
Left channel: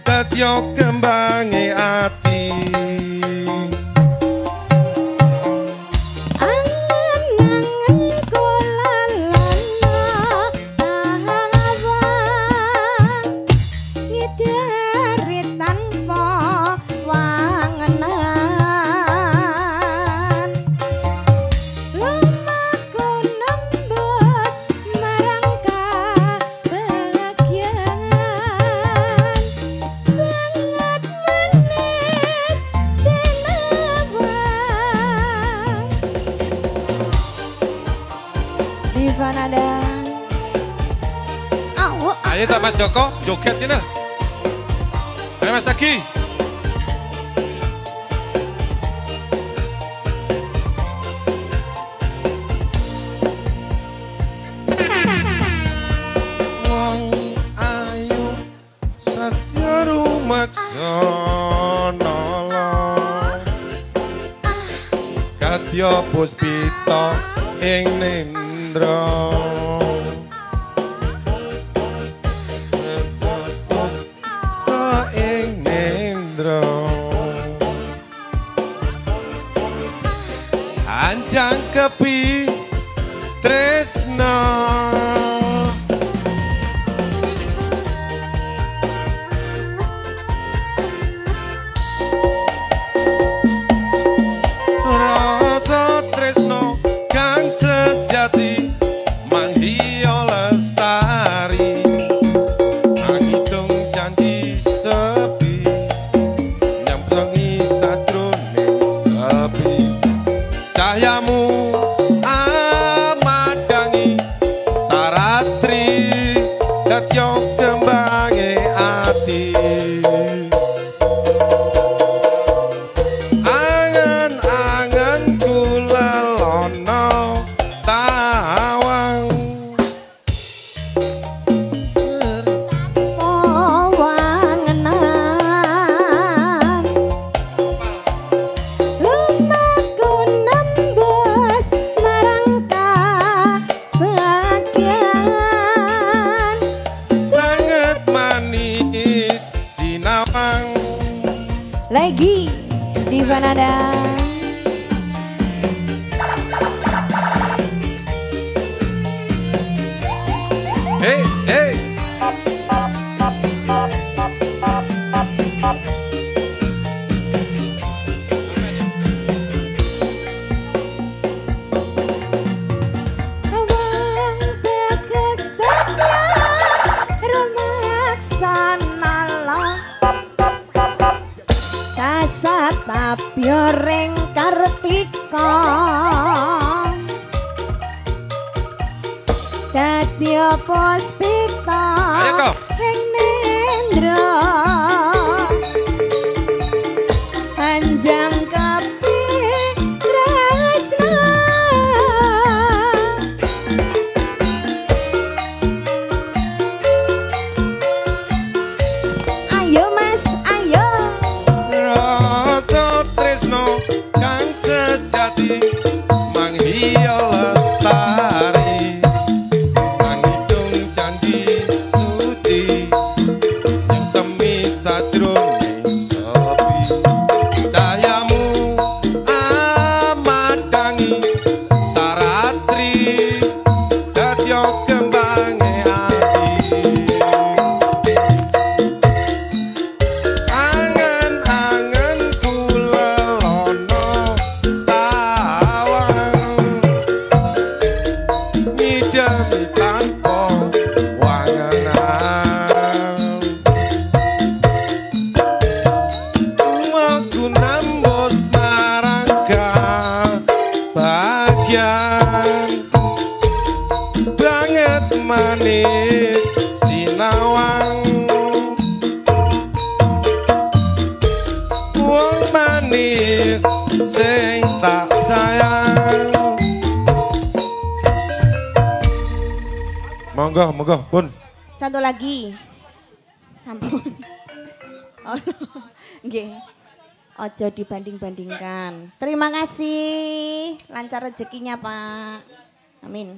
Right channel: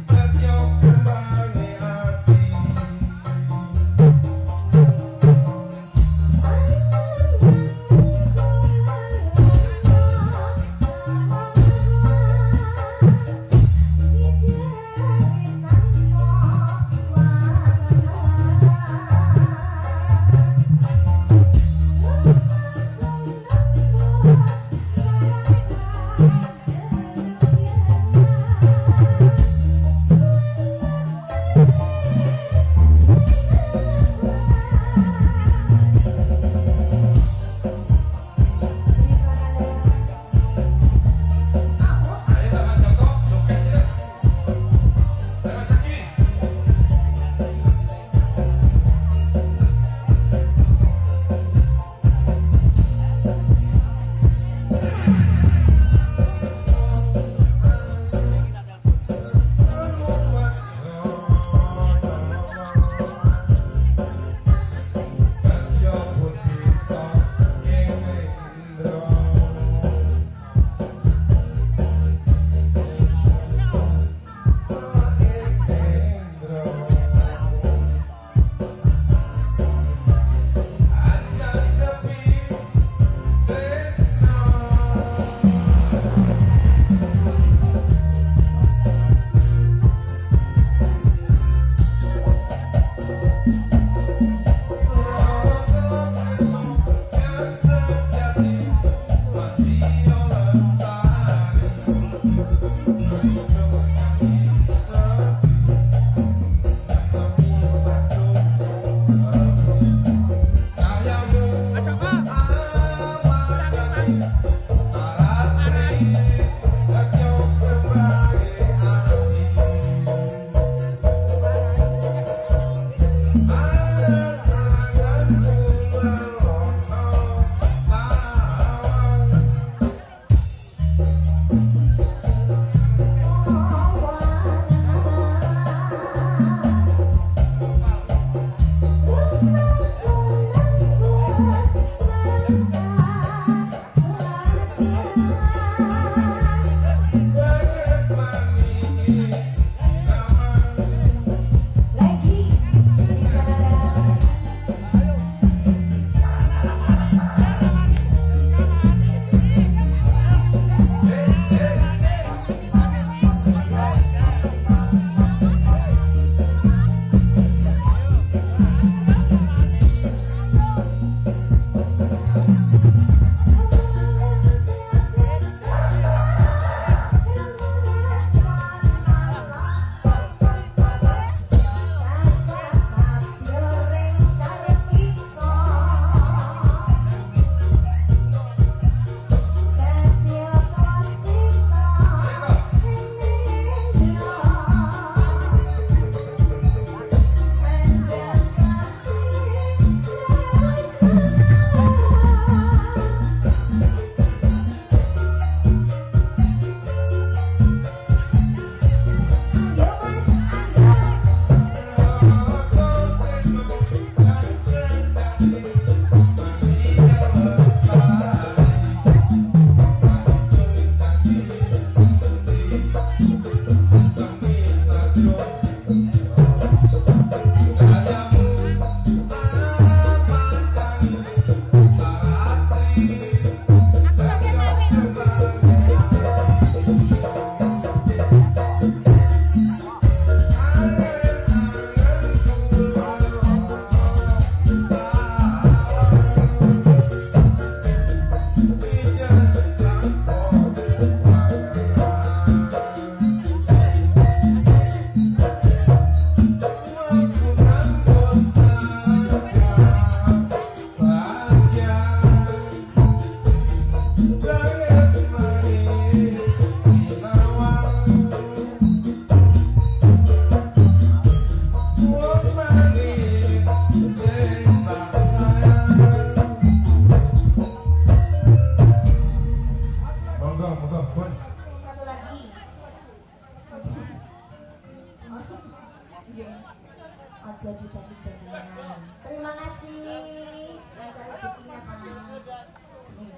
dadya kembange ati angen-angen kula ngidari tanpa wangenan lumaku nembus marang kabahagiaan banget manis sinawang Diva Nada ayo tak Mas Joko joget ini ayo Mas Aki wong ayu satya rumaksa nolong kadya puspita ing nendra ing nendra anjang kepi tresna rasa tresno kang sejati manghiya lestari angidung janji sepi nyampengi sajroning sepi cahayamu amadangi saratri dadya kembange ati angen-angen kula lono tawang wangenan lumaku nembus marang kabahagiaan banget manis sinamang lagi Diva Nada hey hey ring Kartika dadi puspita Ayo, Kak. ing nendra panjang kepi tresna ayo Mas ayo rasa tresno kang sejati manghiya lestari angidung janji suci yang semi sajroning sepi cahayamu amadangi saratri dadya kembange ati angen-angen kula lono monggo, pun. Satu lagi. Sampun. Oh, no. Nggih. Ojo dibanding-bandingkan. Terima kasih. Lancar rezekinya, Pak. Amin.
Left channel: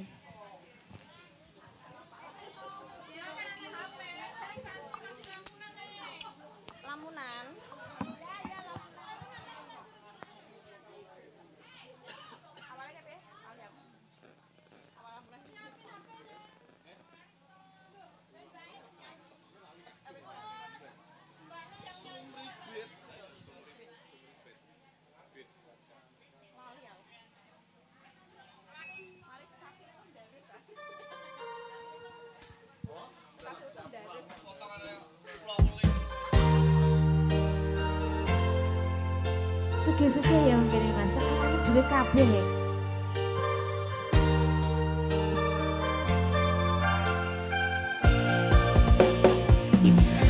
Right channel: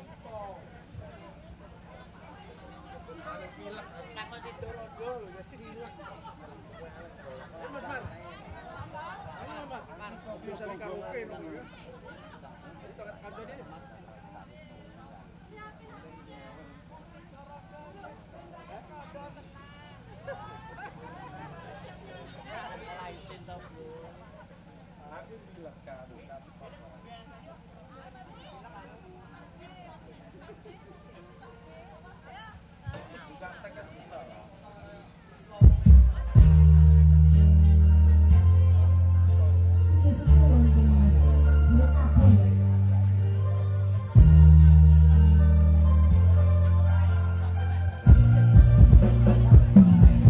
Suge-suge ya ngene Mas, sampeyan duwe kabeh ya.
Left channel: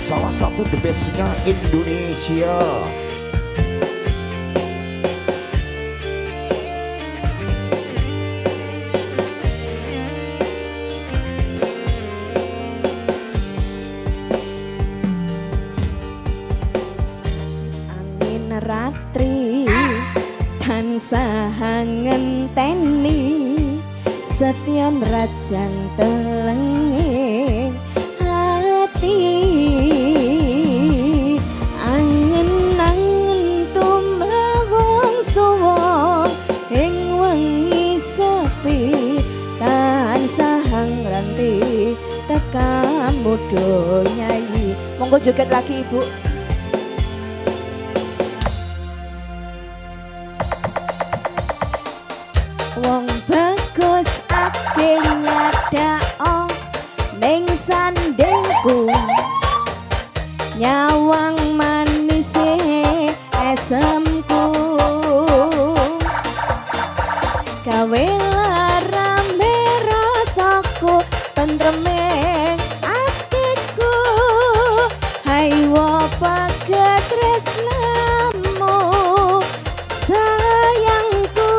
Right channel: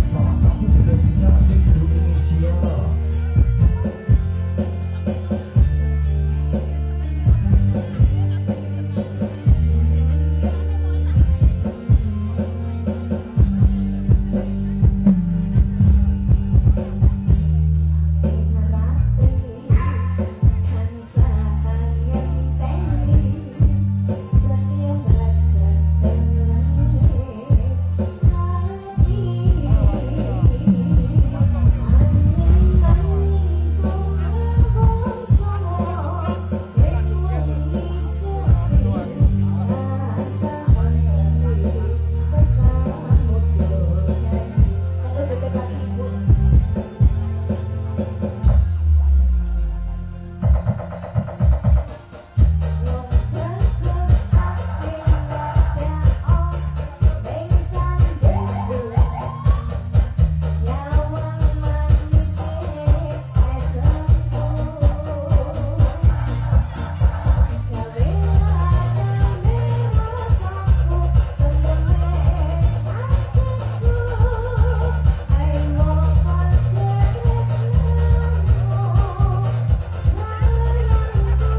Salah satu the bestnya Indonesia. Angin ratri tansah ngenteni setyon rajan telenge hati angin angin tumawang sowo ing wengi sepi tansah ngranti tekan bodho nyai. Monggo joget lagi Ibu. Wong bagus ake nyadao ning sandengku nyawang manis esemku gawe rame rasaku tentreme atiku hai wapa ketresnamu sayangku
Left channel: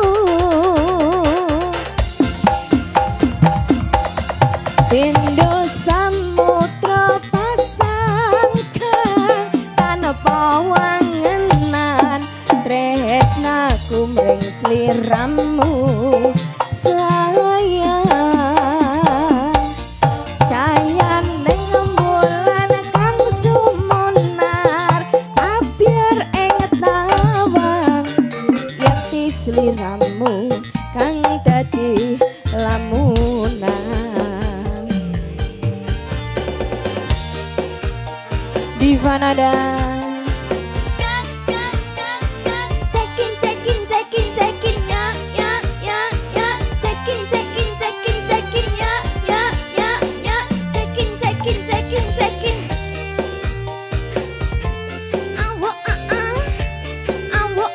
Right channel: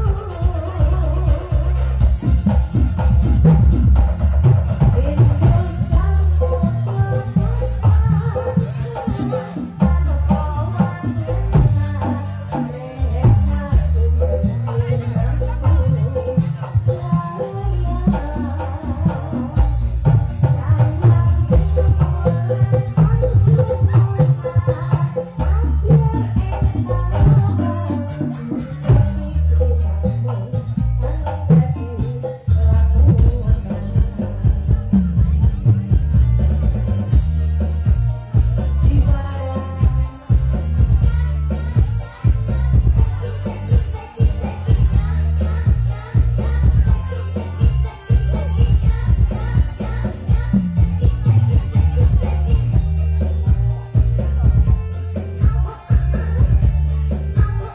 Pindo samudra pasangkan tanpa wangenan tresnaku mring sliramu sayang cayan ning rembulan kang sumunar abyar ing tawang yekti sliramu kang dadi lamunan Divanada cekin cekin cekin cekin ya cekin cekin cekin cekin ya cekin cekin cekin cekin awo awo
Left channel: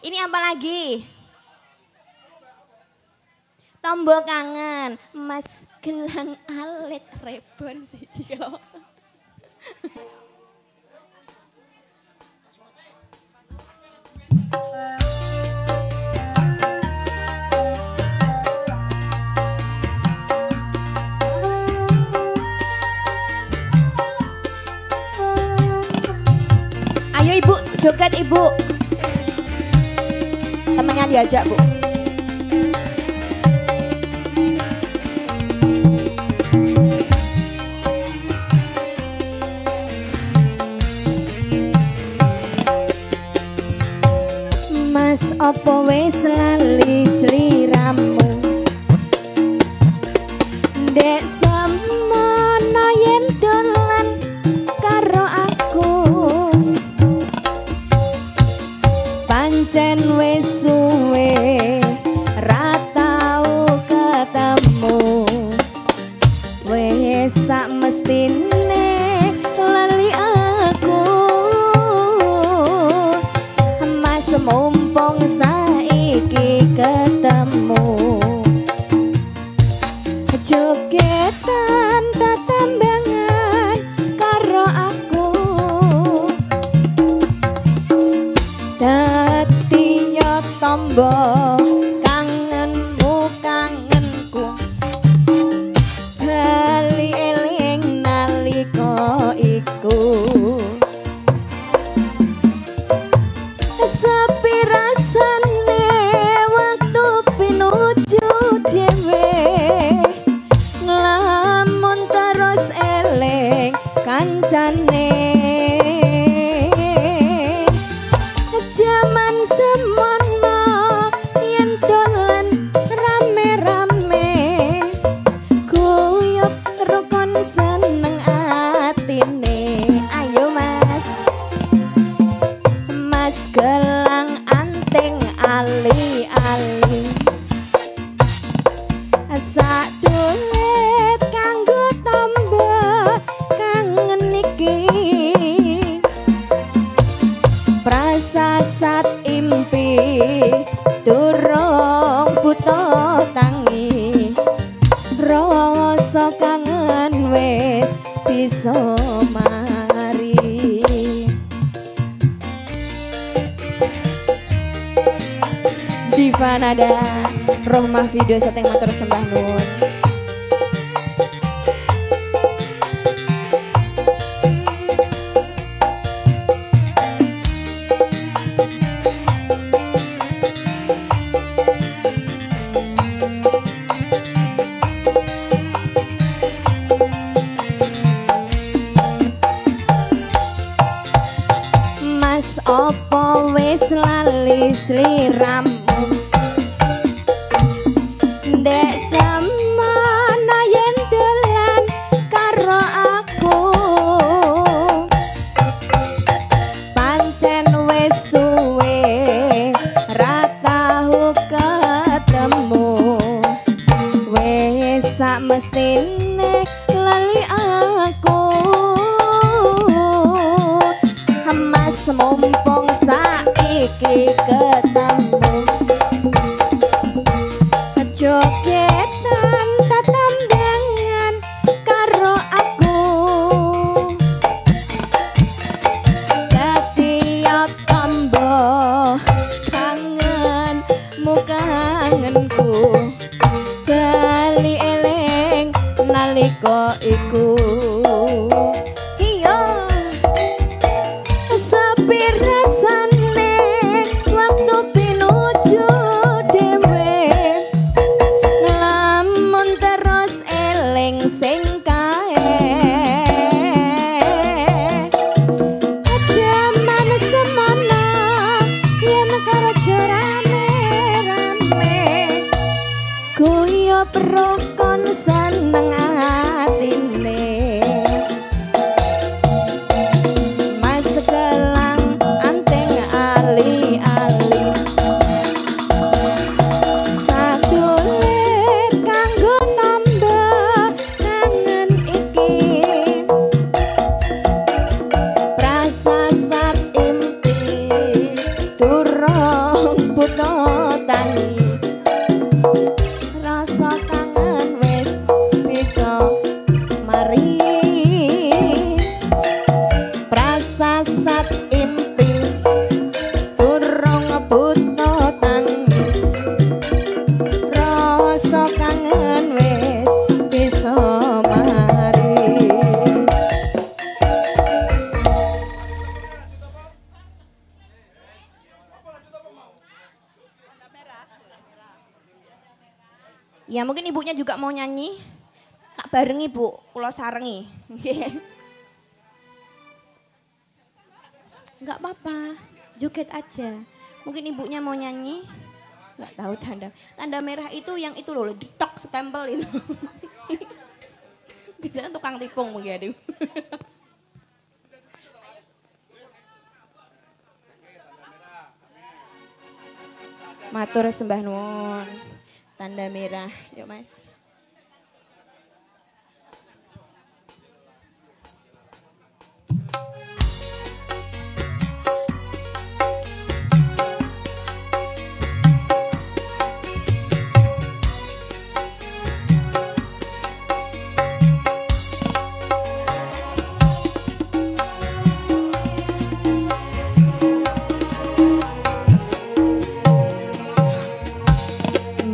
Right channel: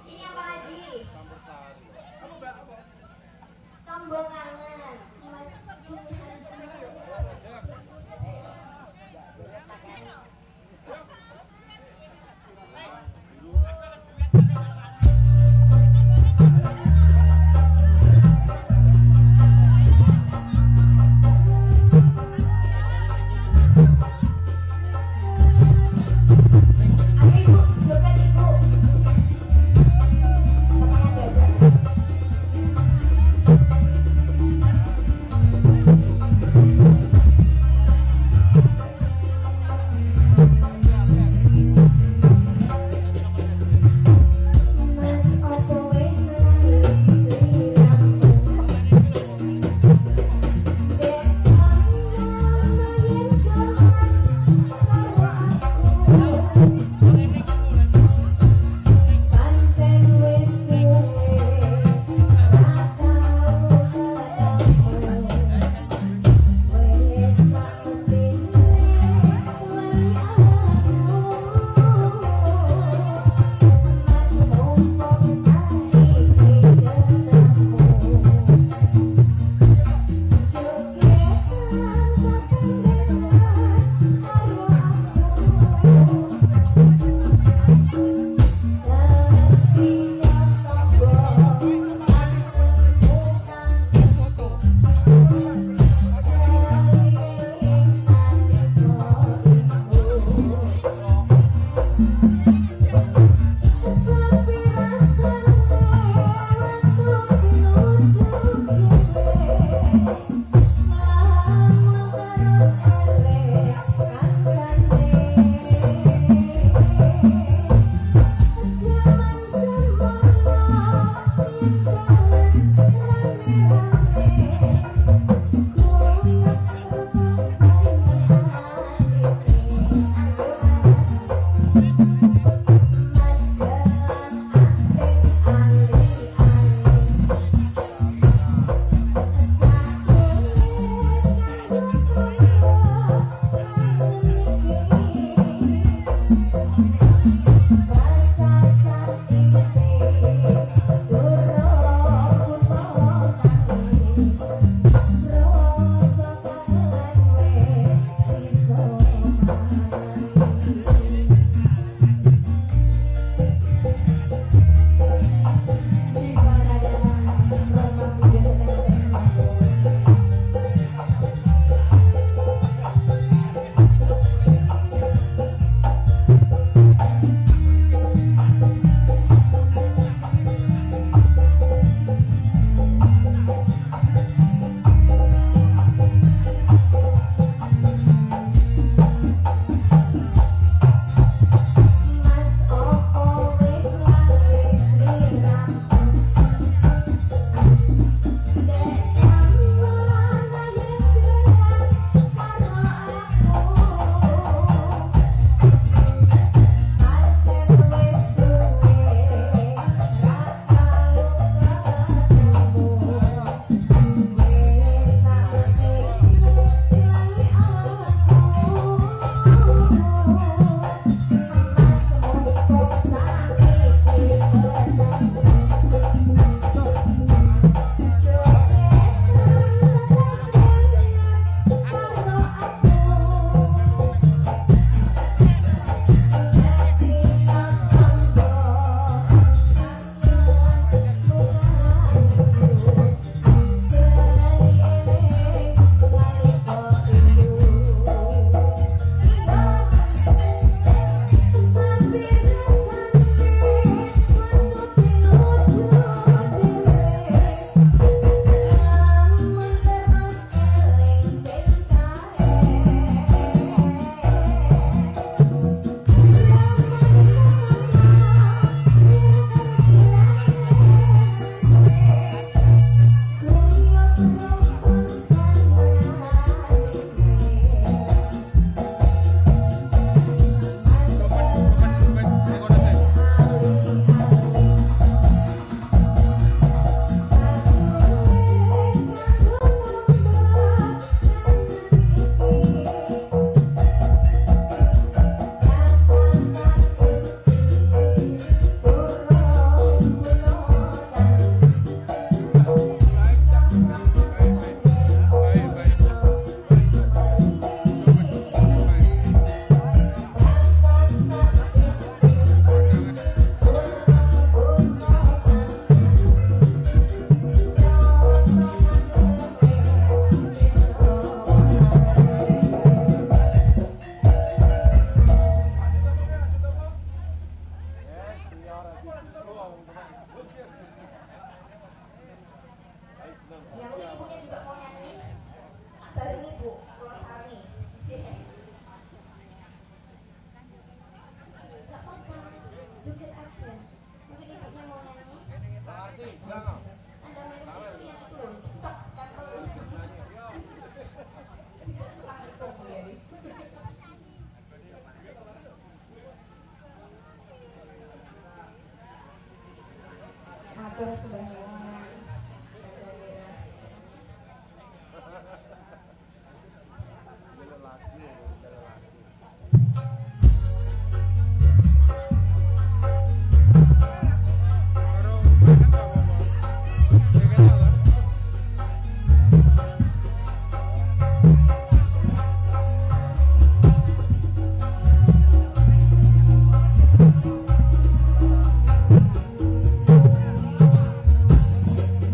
Ini apa lagi? Tombol kangen, Mas Gelang Alit Rebon siji kok. Ayo Ibu, joget Ibu. Temennya diajak Bu. Mas opo wis lali sliramu Dek semono yen dolan karo aku pancen wis suwe ra tau ketemu wis sak mestine lali aku Mas mumpung saiki ketemu jogetan tetembangan karo aku dadi yo tombo kangenmu kangenku bali eling nalika iku sepi rasane waktu pinuju dhewe nglamun terus eling kancane jaman semono yen dolan rame-rame guyub rukun seneng atine ayo Mas Mas gelang anting ali-ali sak dulet kanggo tambah kangen iki prasasat impi durung buta tangi rasa kangen wis bisa mari Diva Nada Rohmah Video Setting Matur Sembah Nuwun Mas opo wis lali sliramu Dek semono yen dolan karo aku pancen wis suwe ra tau ketemu wis sak mestine lali aku Mas mumpung saiki ketemu jogetan tetembangan karo aku dadi yo tombo kangenmu kangenku bali eling nalika iku iya sepi rasane waktu pinuju dhewe nglamun terus eling sing kae jaman semono yen karo rame-rame guyub rukun seneng atine Mas gelang anting ali-ali sadulet kanggo tambah kangen iki prasasat impi durung Ya mungkin ibunya juga mau nyanyi. Tak barengi Bu, kula sarengi. Nggih. Enggak apa-apa, joget aja. Mungkin ibunya mau nyanyi. Enggak tahu tanda merah itu yang itu loh, ditok stempel itu. Biasanya tukang tikung mungkin aduh. Matur sembah nuwun. Tanda merah, yuk Mas.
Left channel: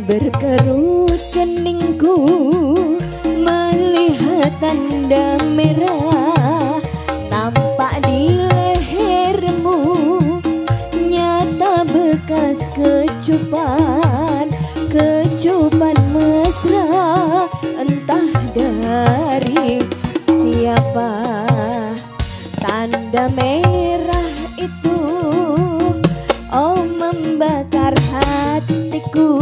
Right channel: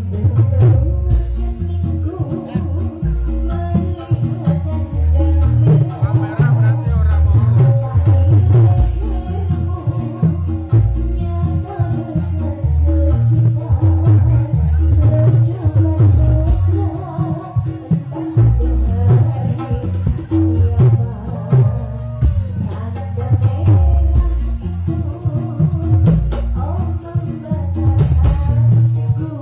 Berkerut keningku melihat tanda merah nampak di lehermu, nyata bekas kecupan mesra entah dari siapa. Tanda merah itu oh membakar hatiku,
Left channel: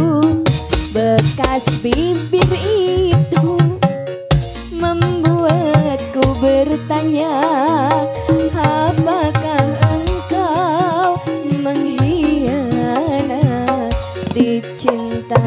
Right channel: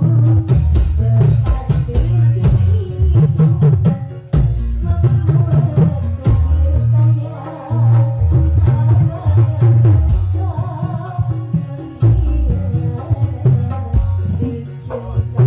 bekas bibir itu membuatku bertanya, apakah engkau mengkhianati cinta?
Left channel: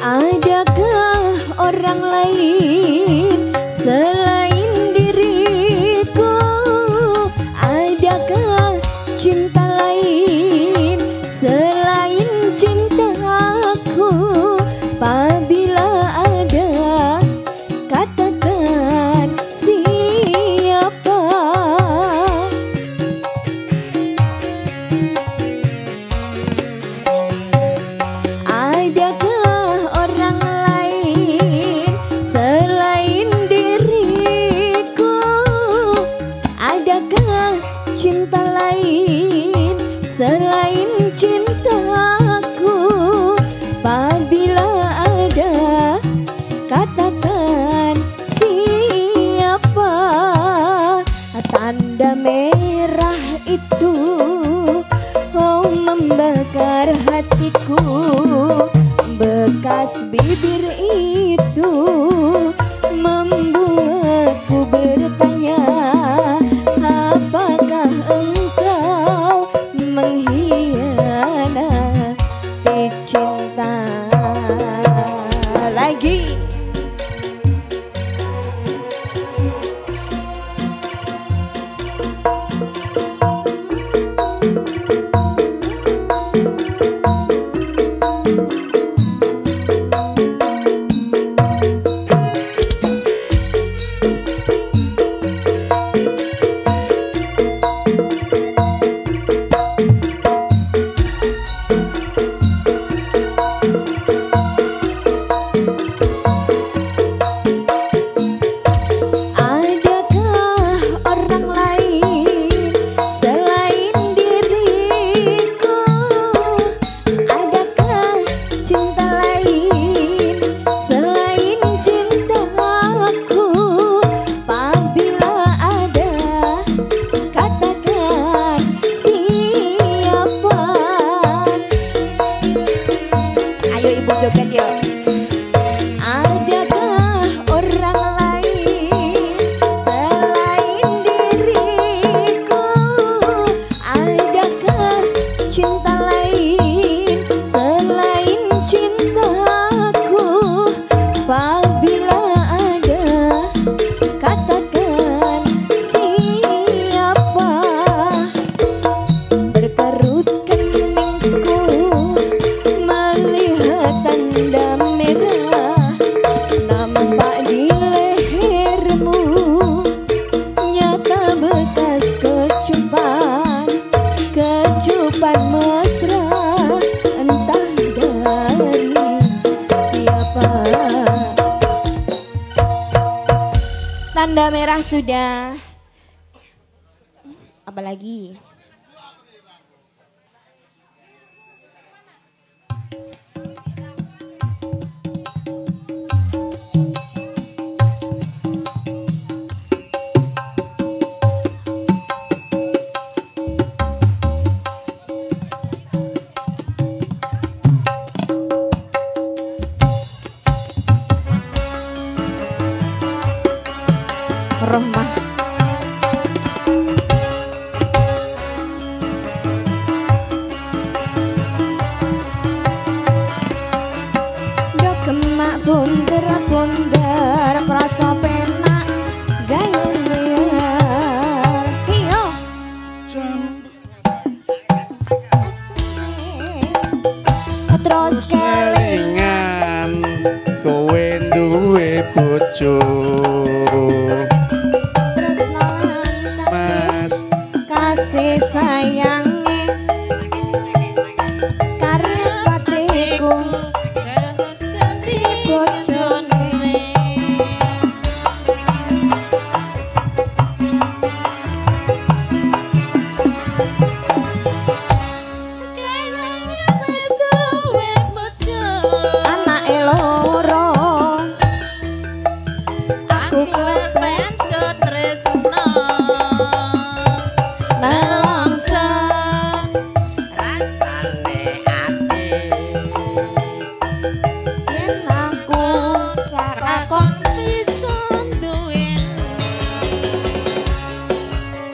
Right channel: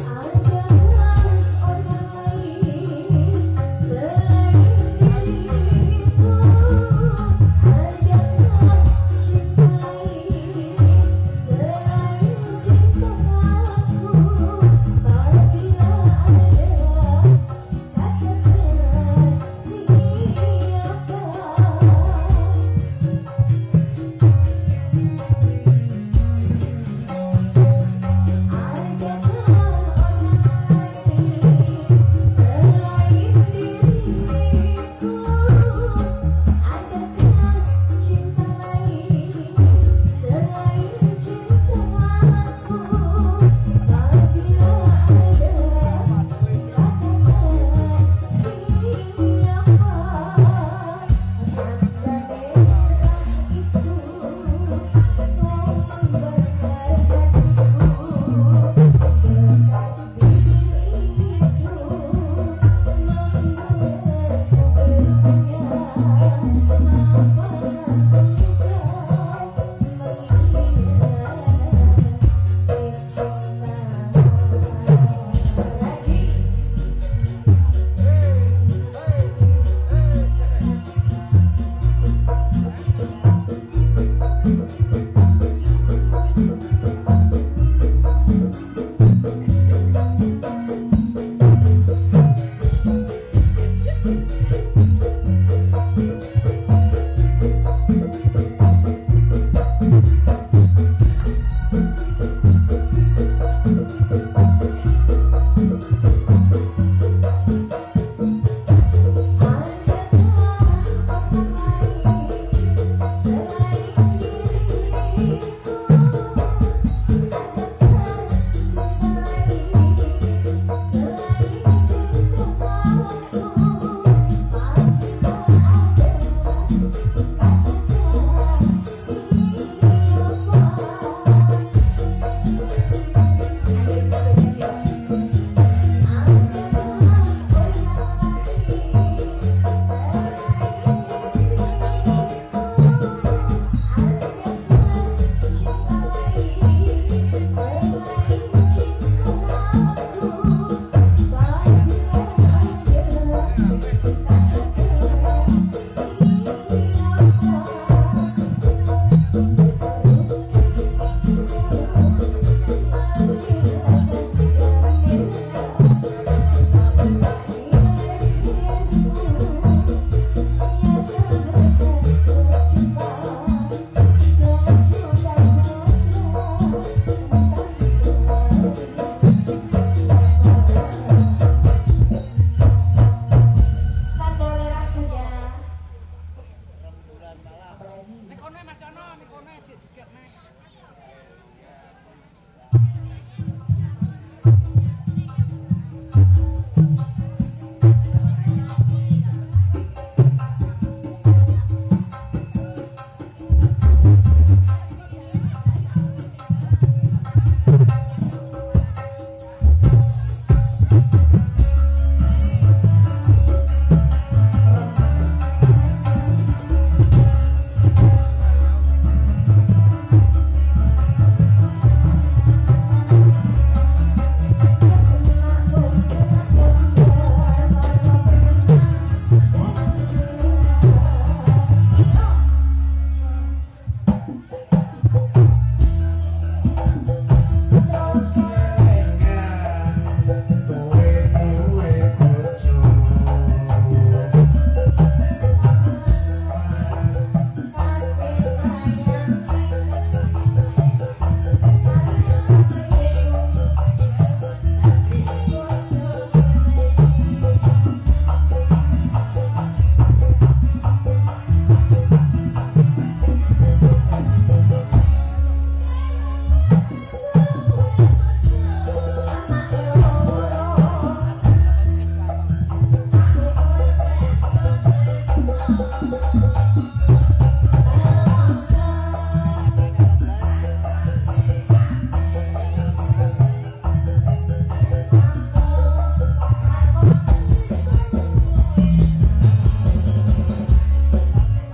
Adakah orang lain selain diriku? Adakah cinta lain selain cintaku? Apabila ada, katakan siapa? Adakah orang lain selain diriku? Adakah cinta lain selain cintaku? Apabila ada, katakan siapa? Tanda merah itu oh membakar hatiku, bekas bibir itu membuatku bertanya, apakah engkau mengkhianati cinta? Lagi adakah orang lain sudah. Apalagi?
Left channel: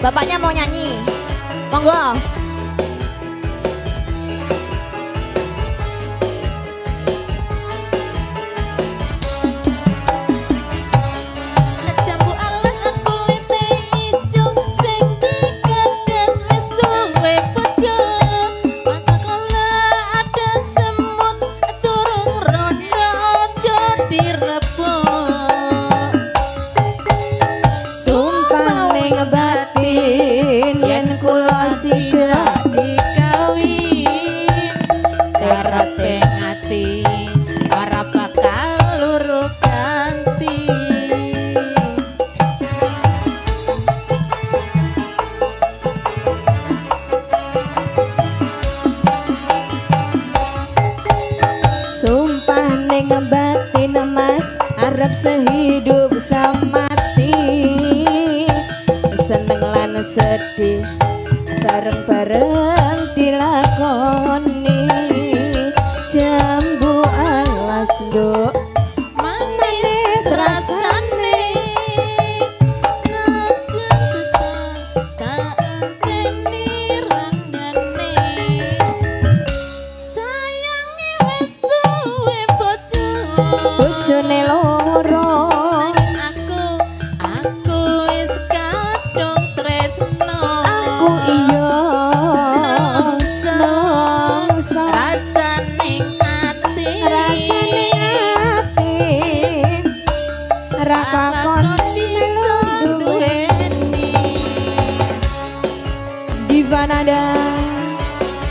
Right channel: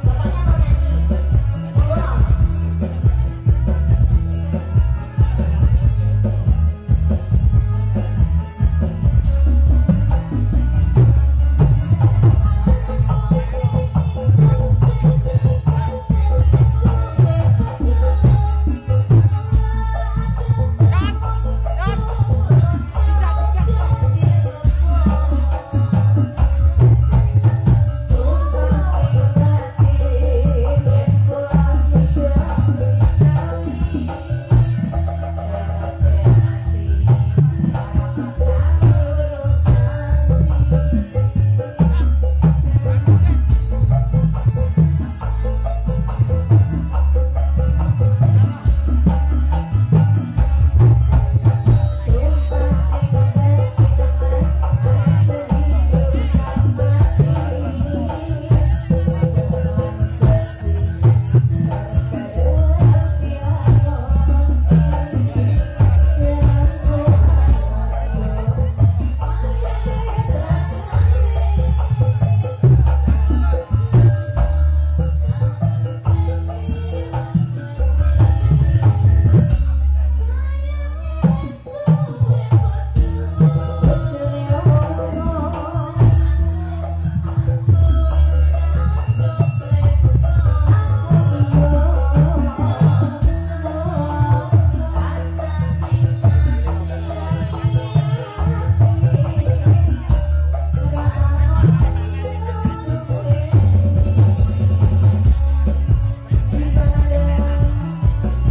Bapaknya mau nyanyi. Monggo. Sehidup semati seneng lan sedih bareng-bareng dilakoni jambu alas nduk manis rasane senajan tak enteni randane sayange wis duwe bojo bojone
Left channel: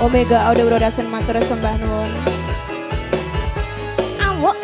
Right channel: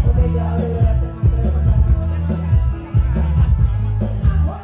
Omega Audio Production matur sembah nuwun. Awok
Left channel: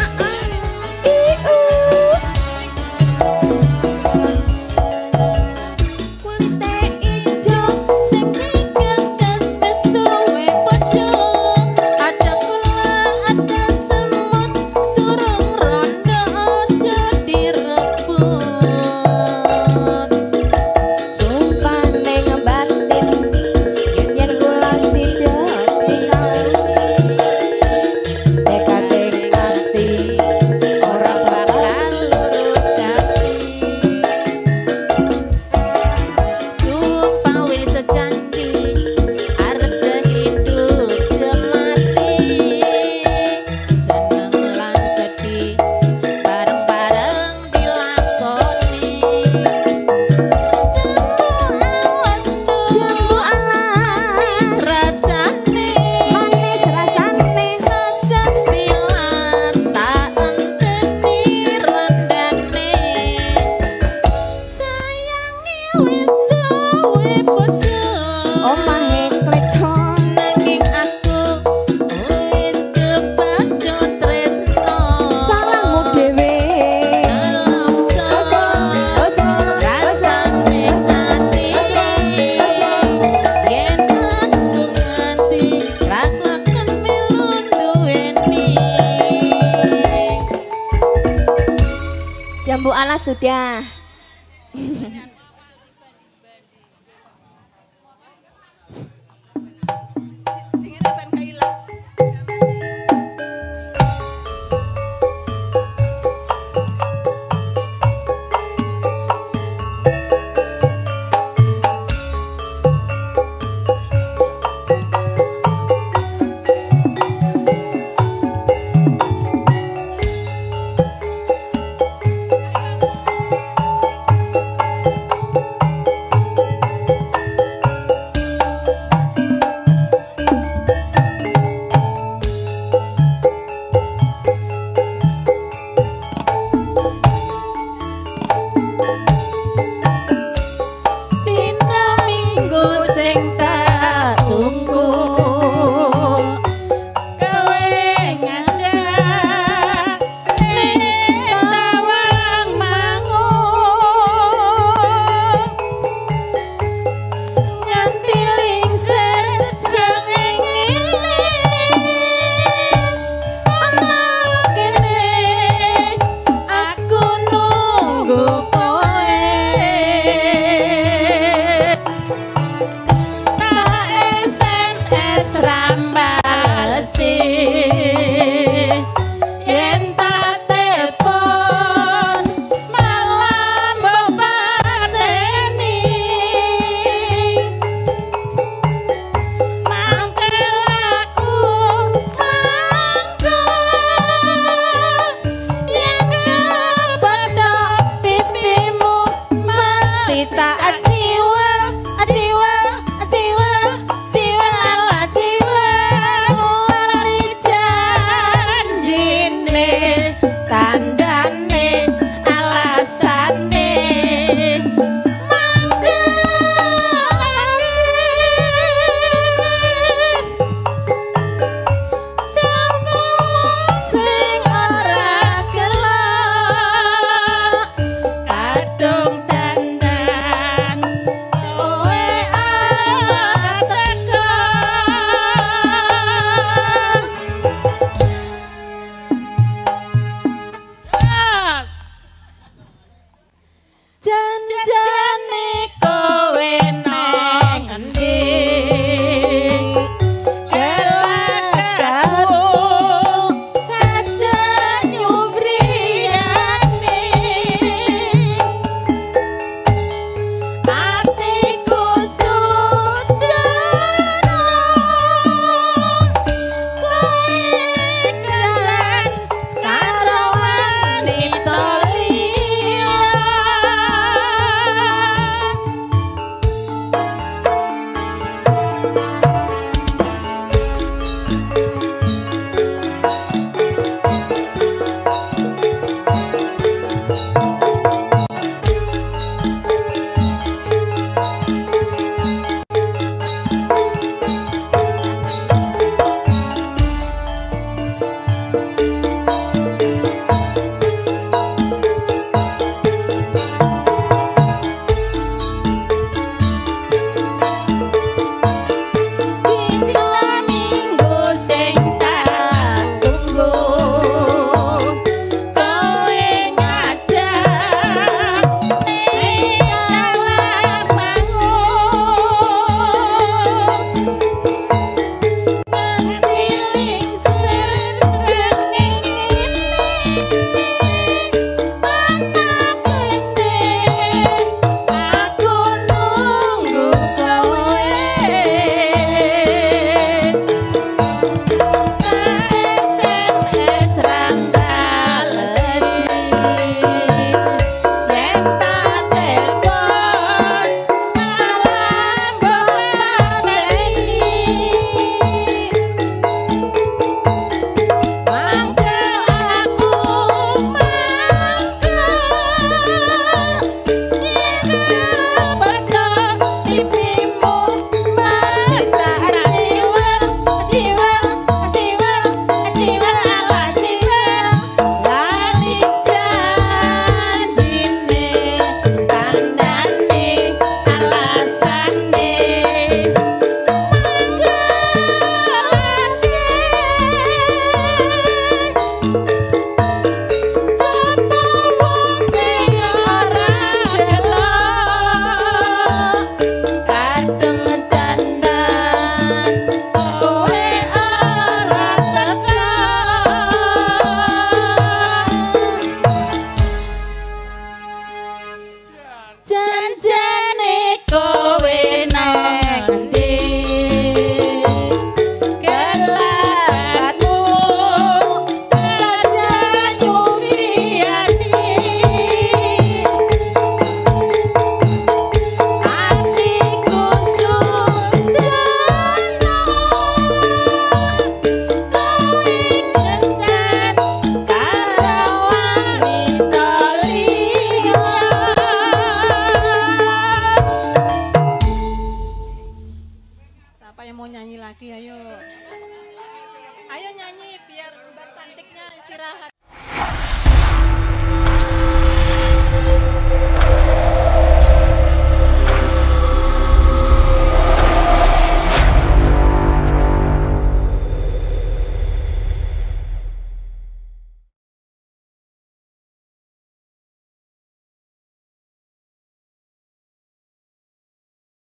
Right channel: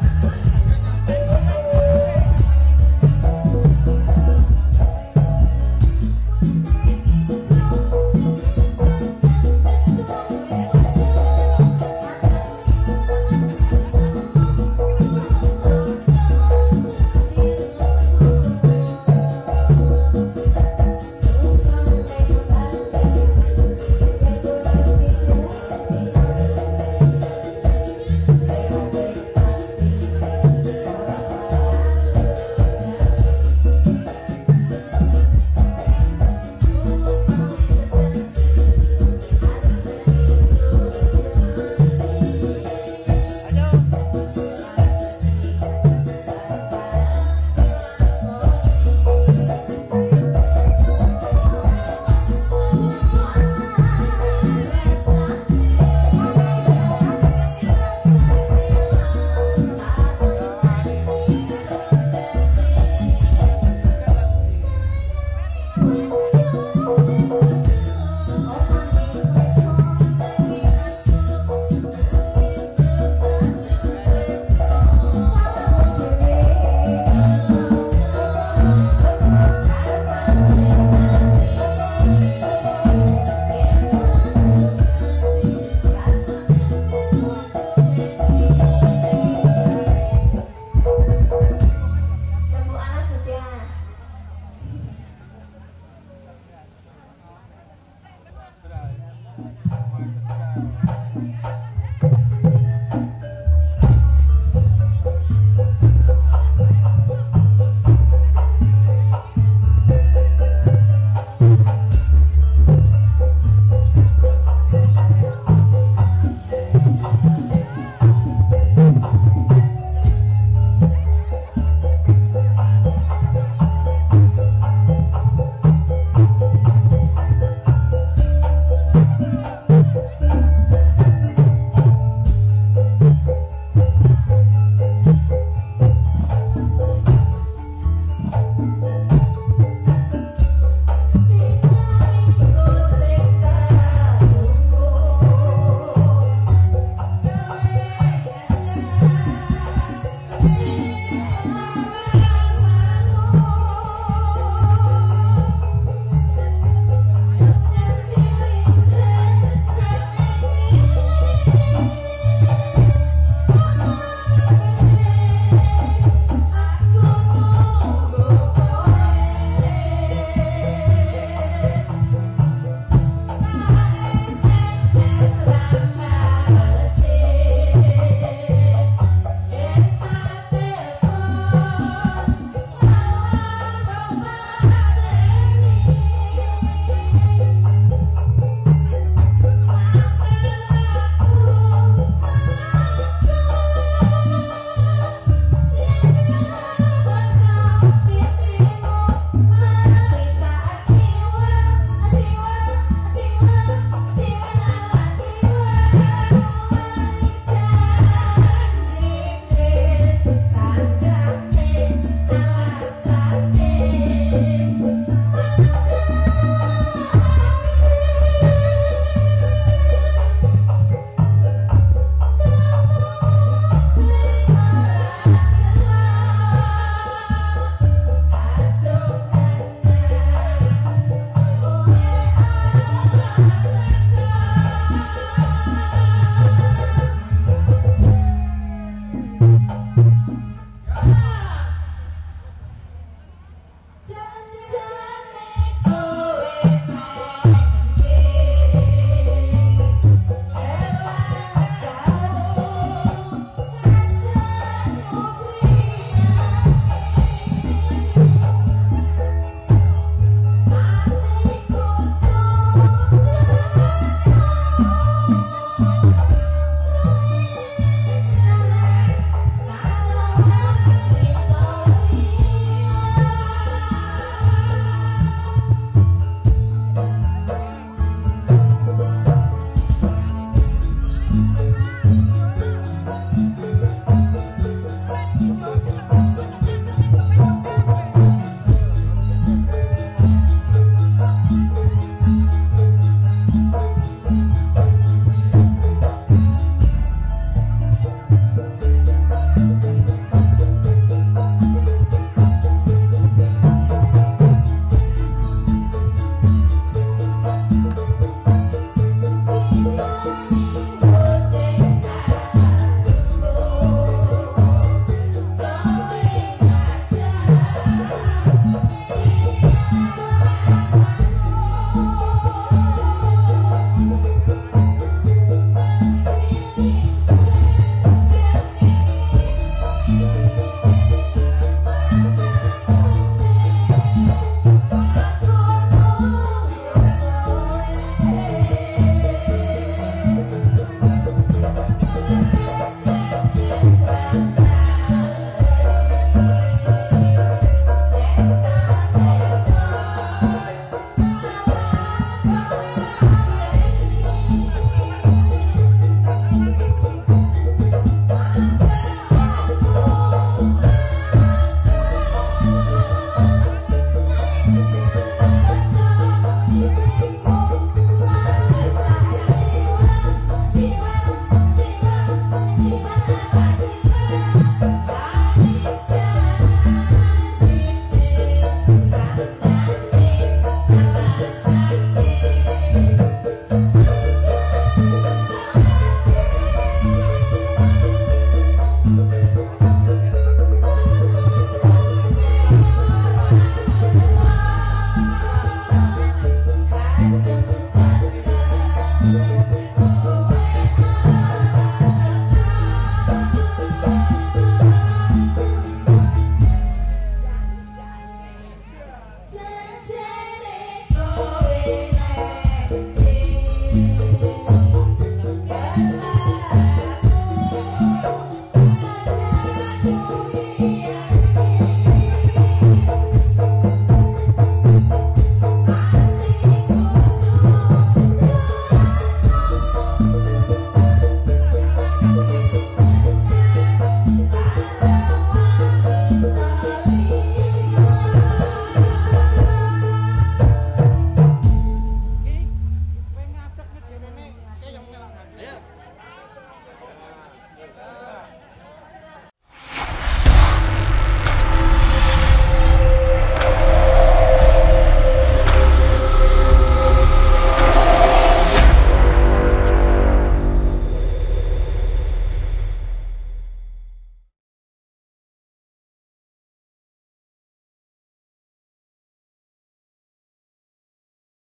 Dadah.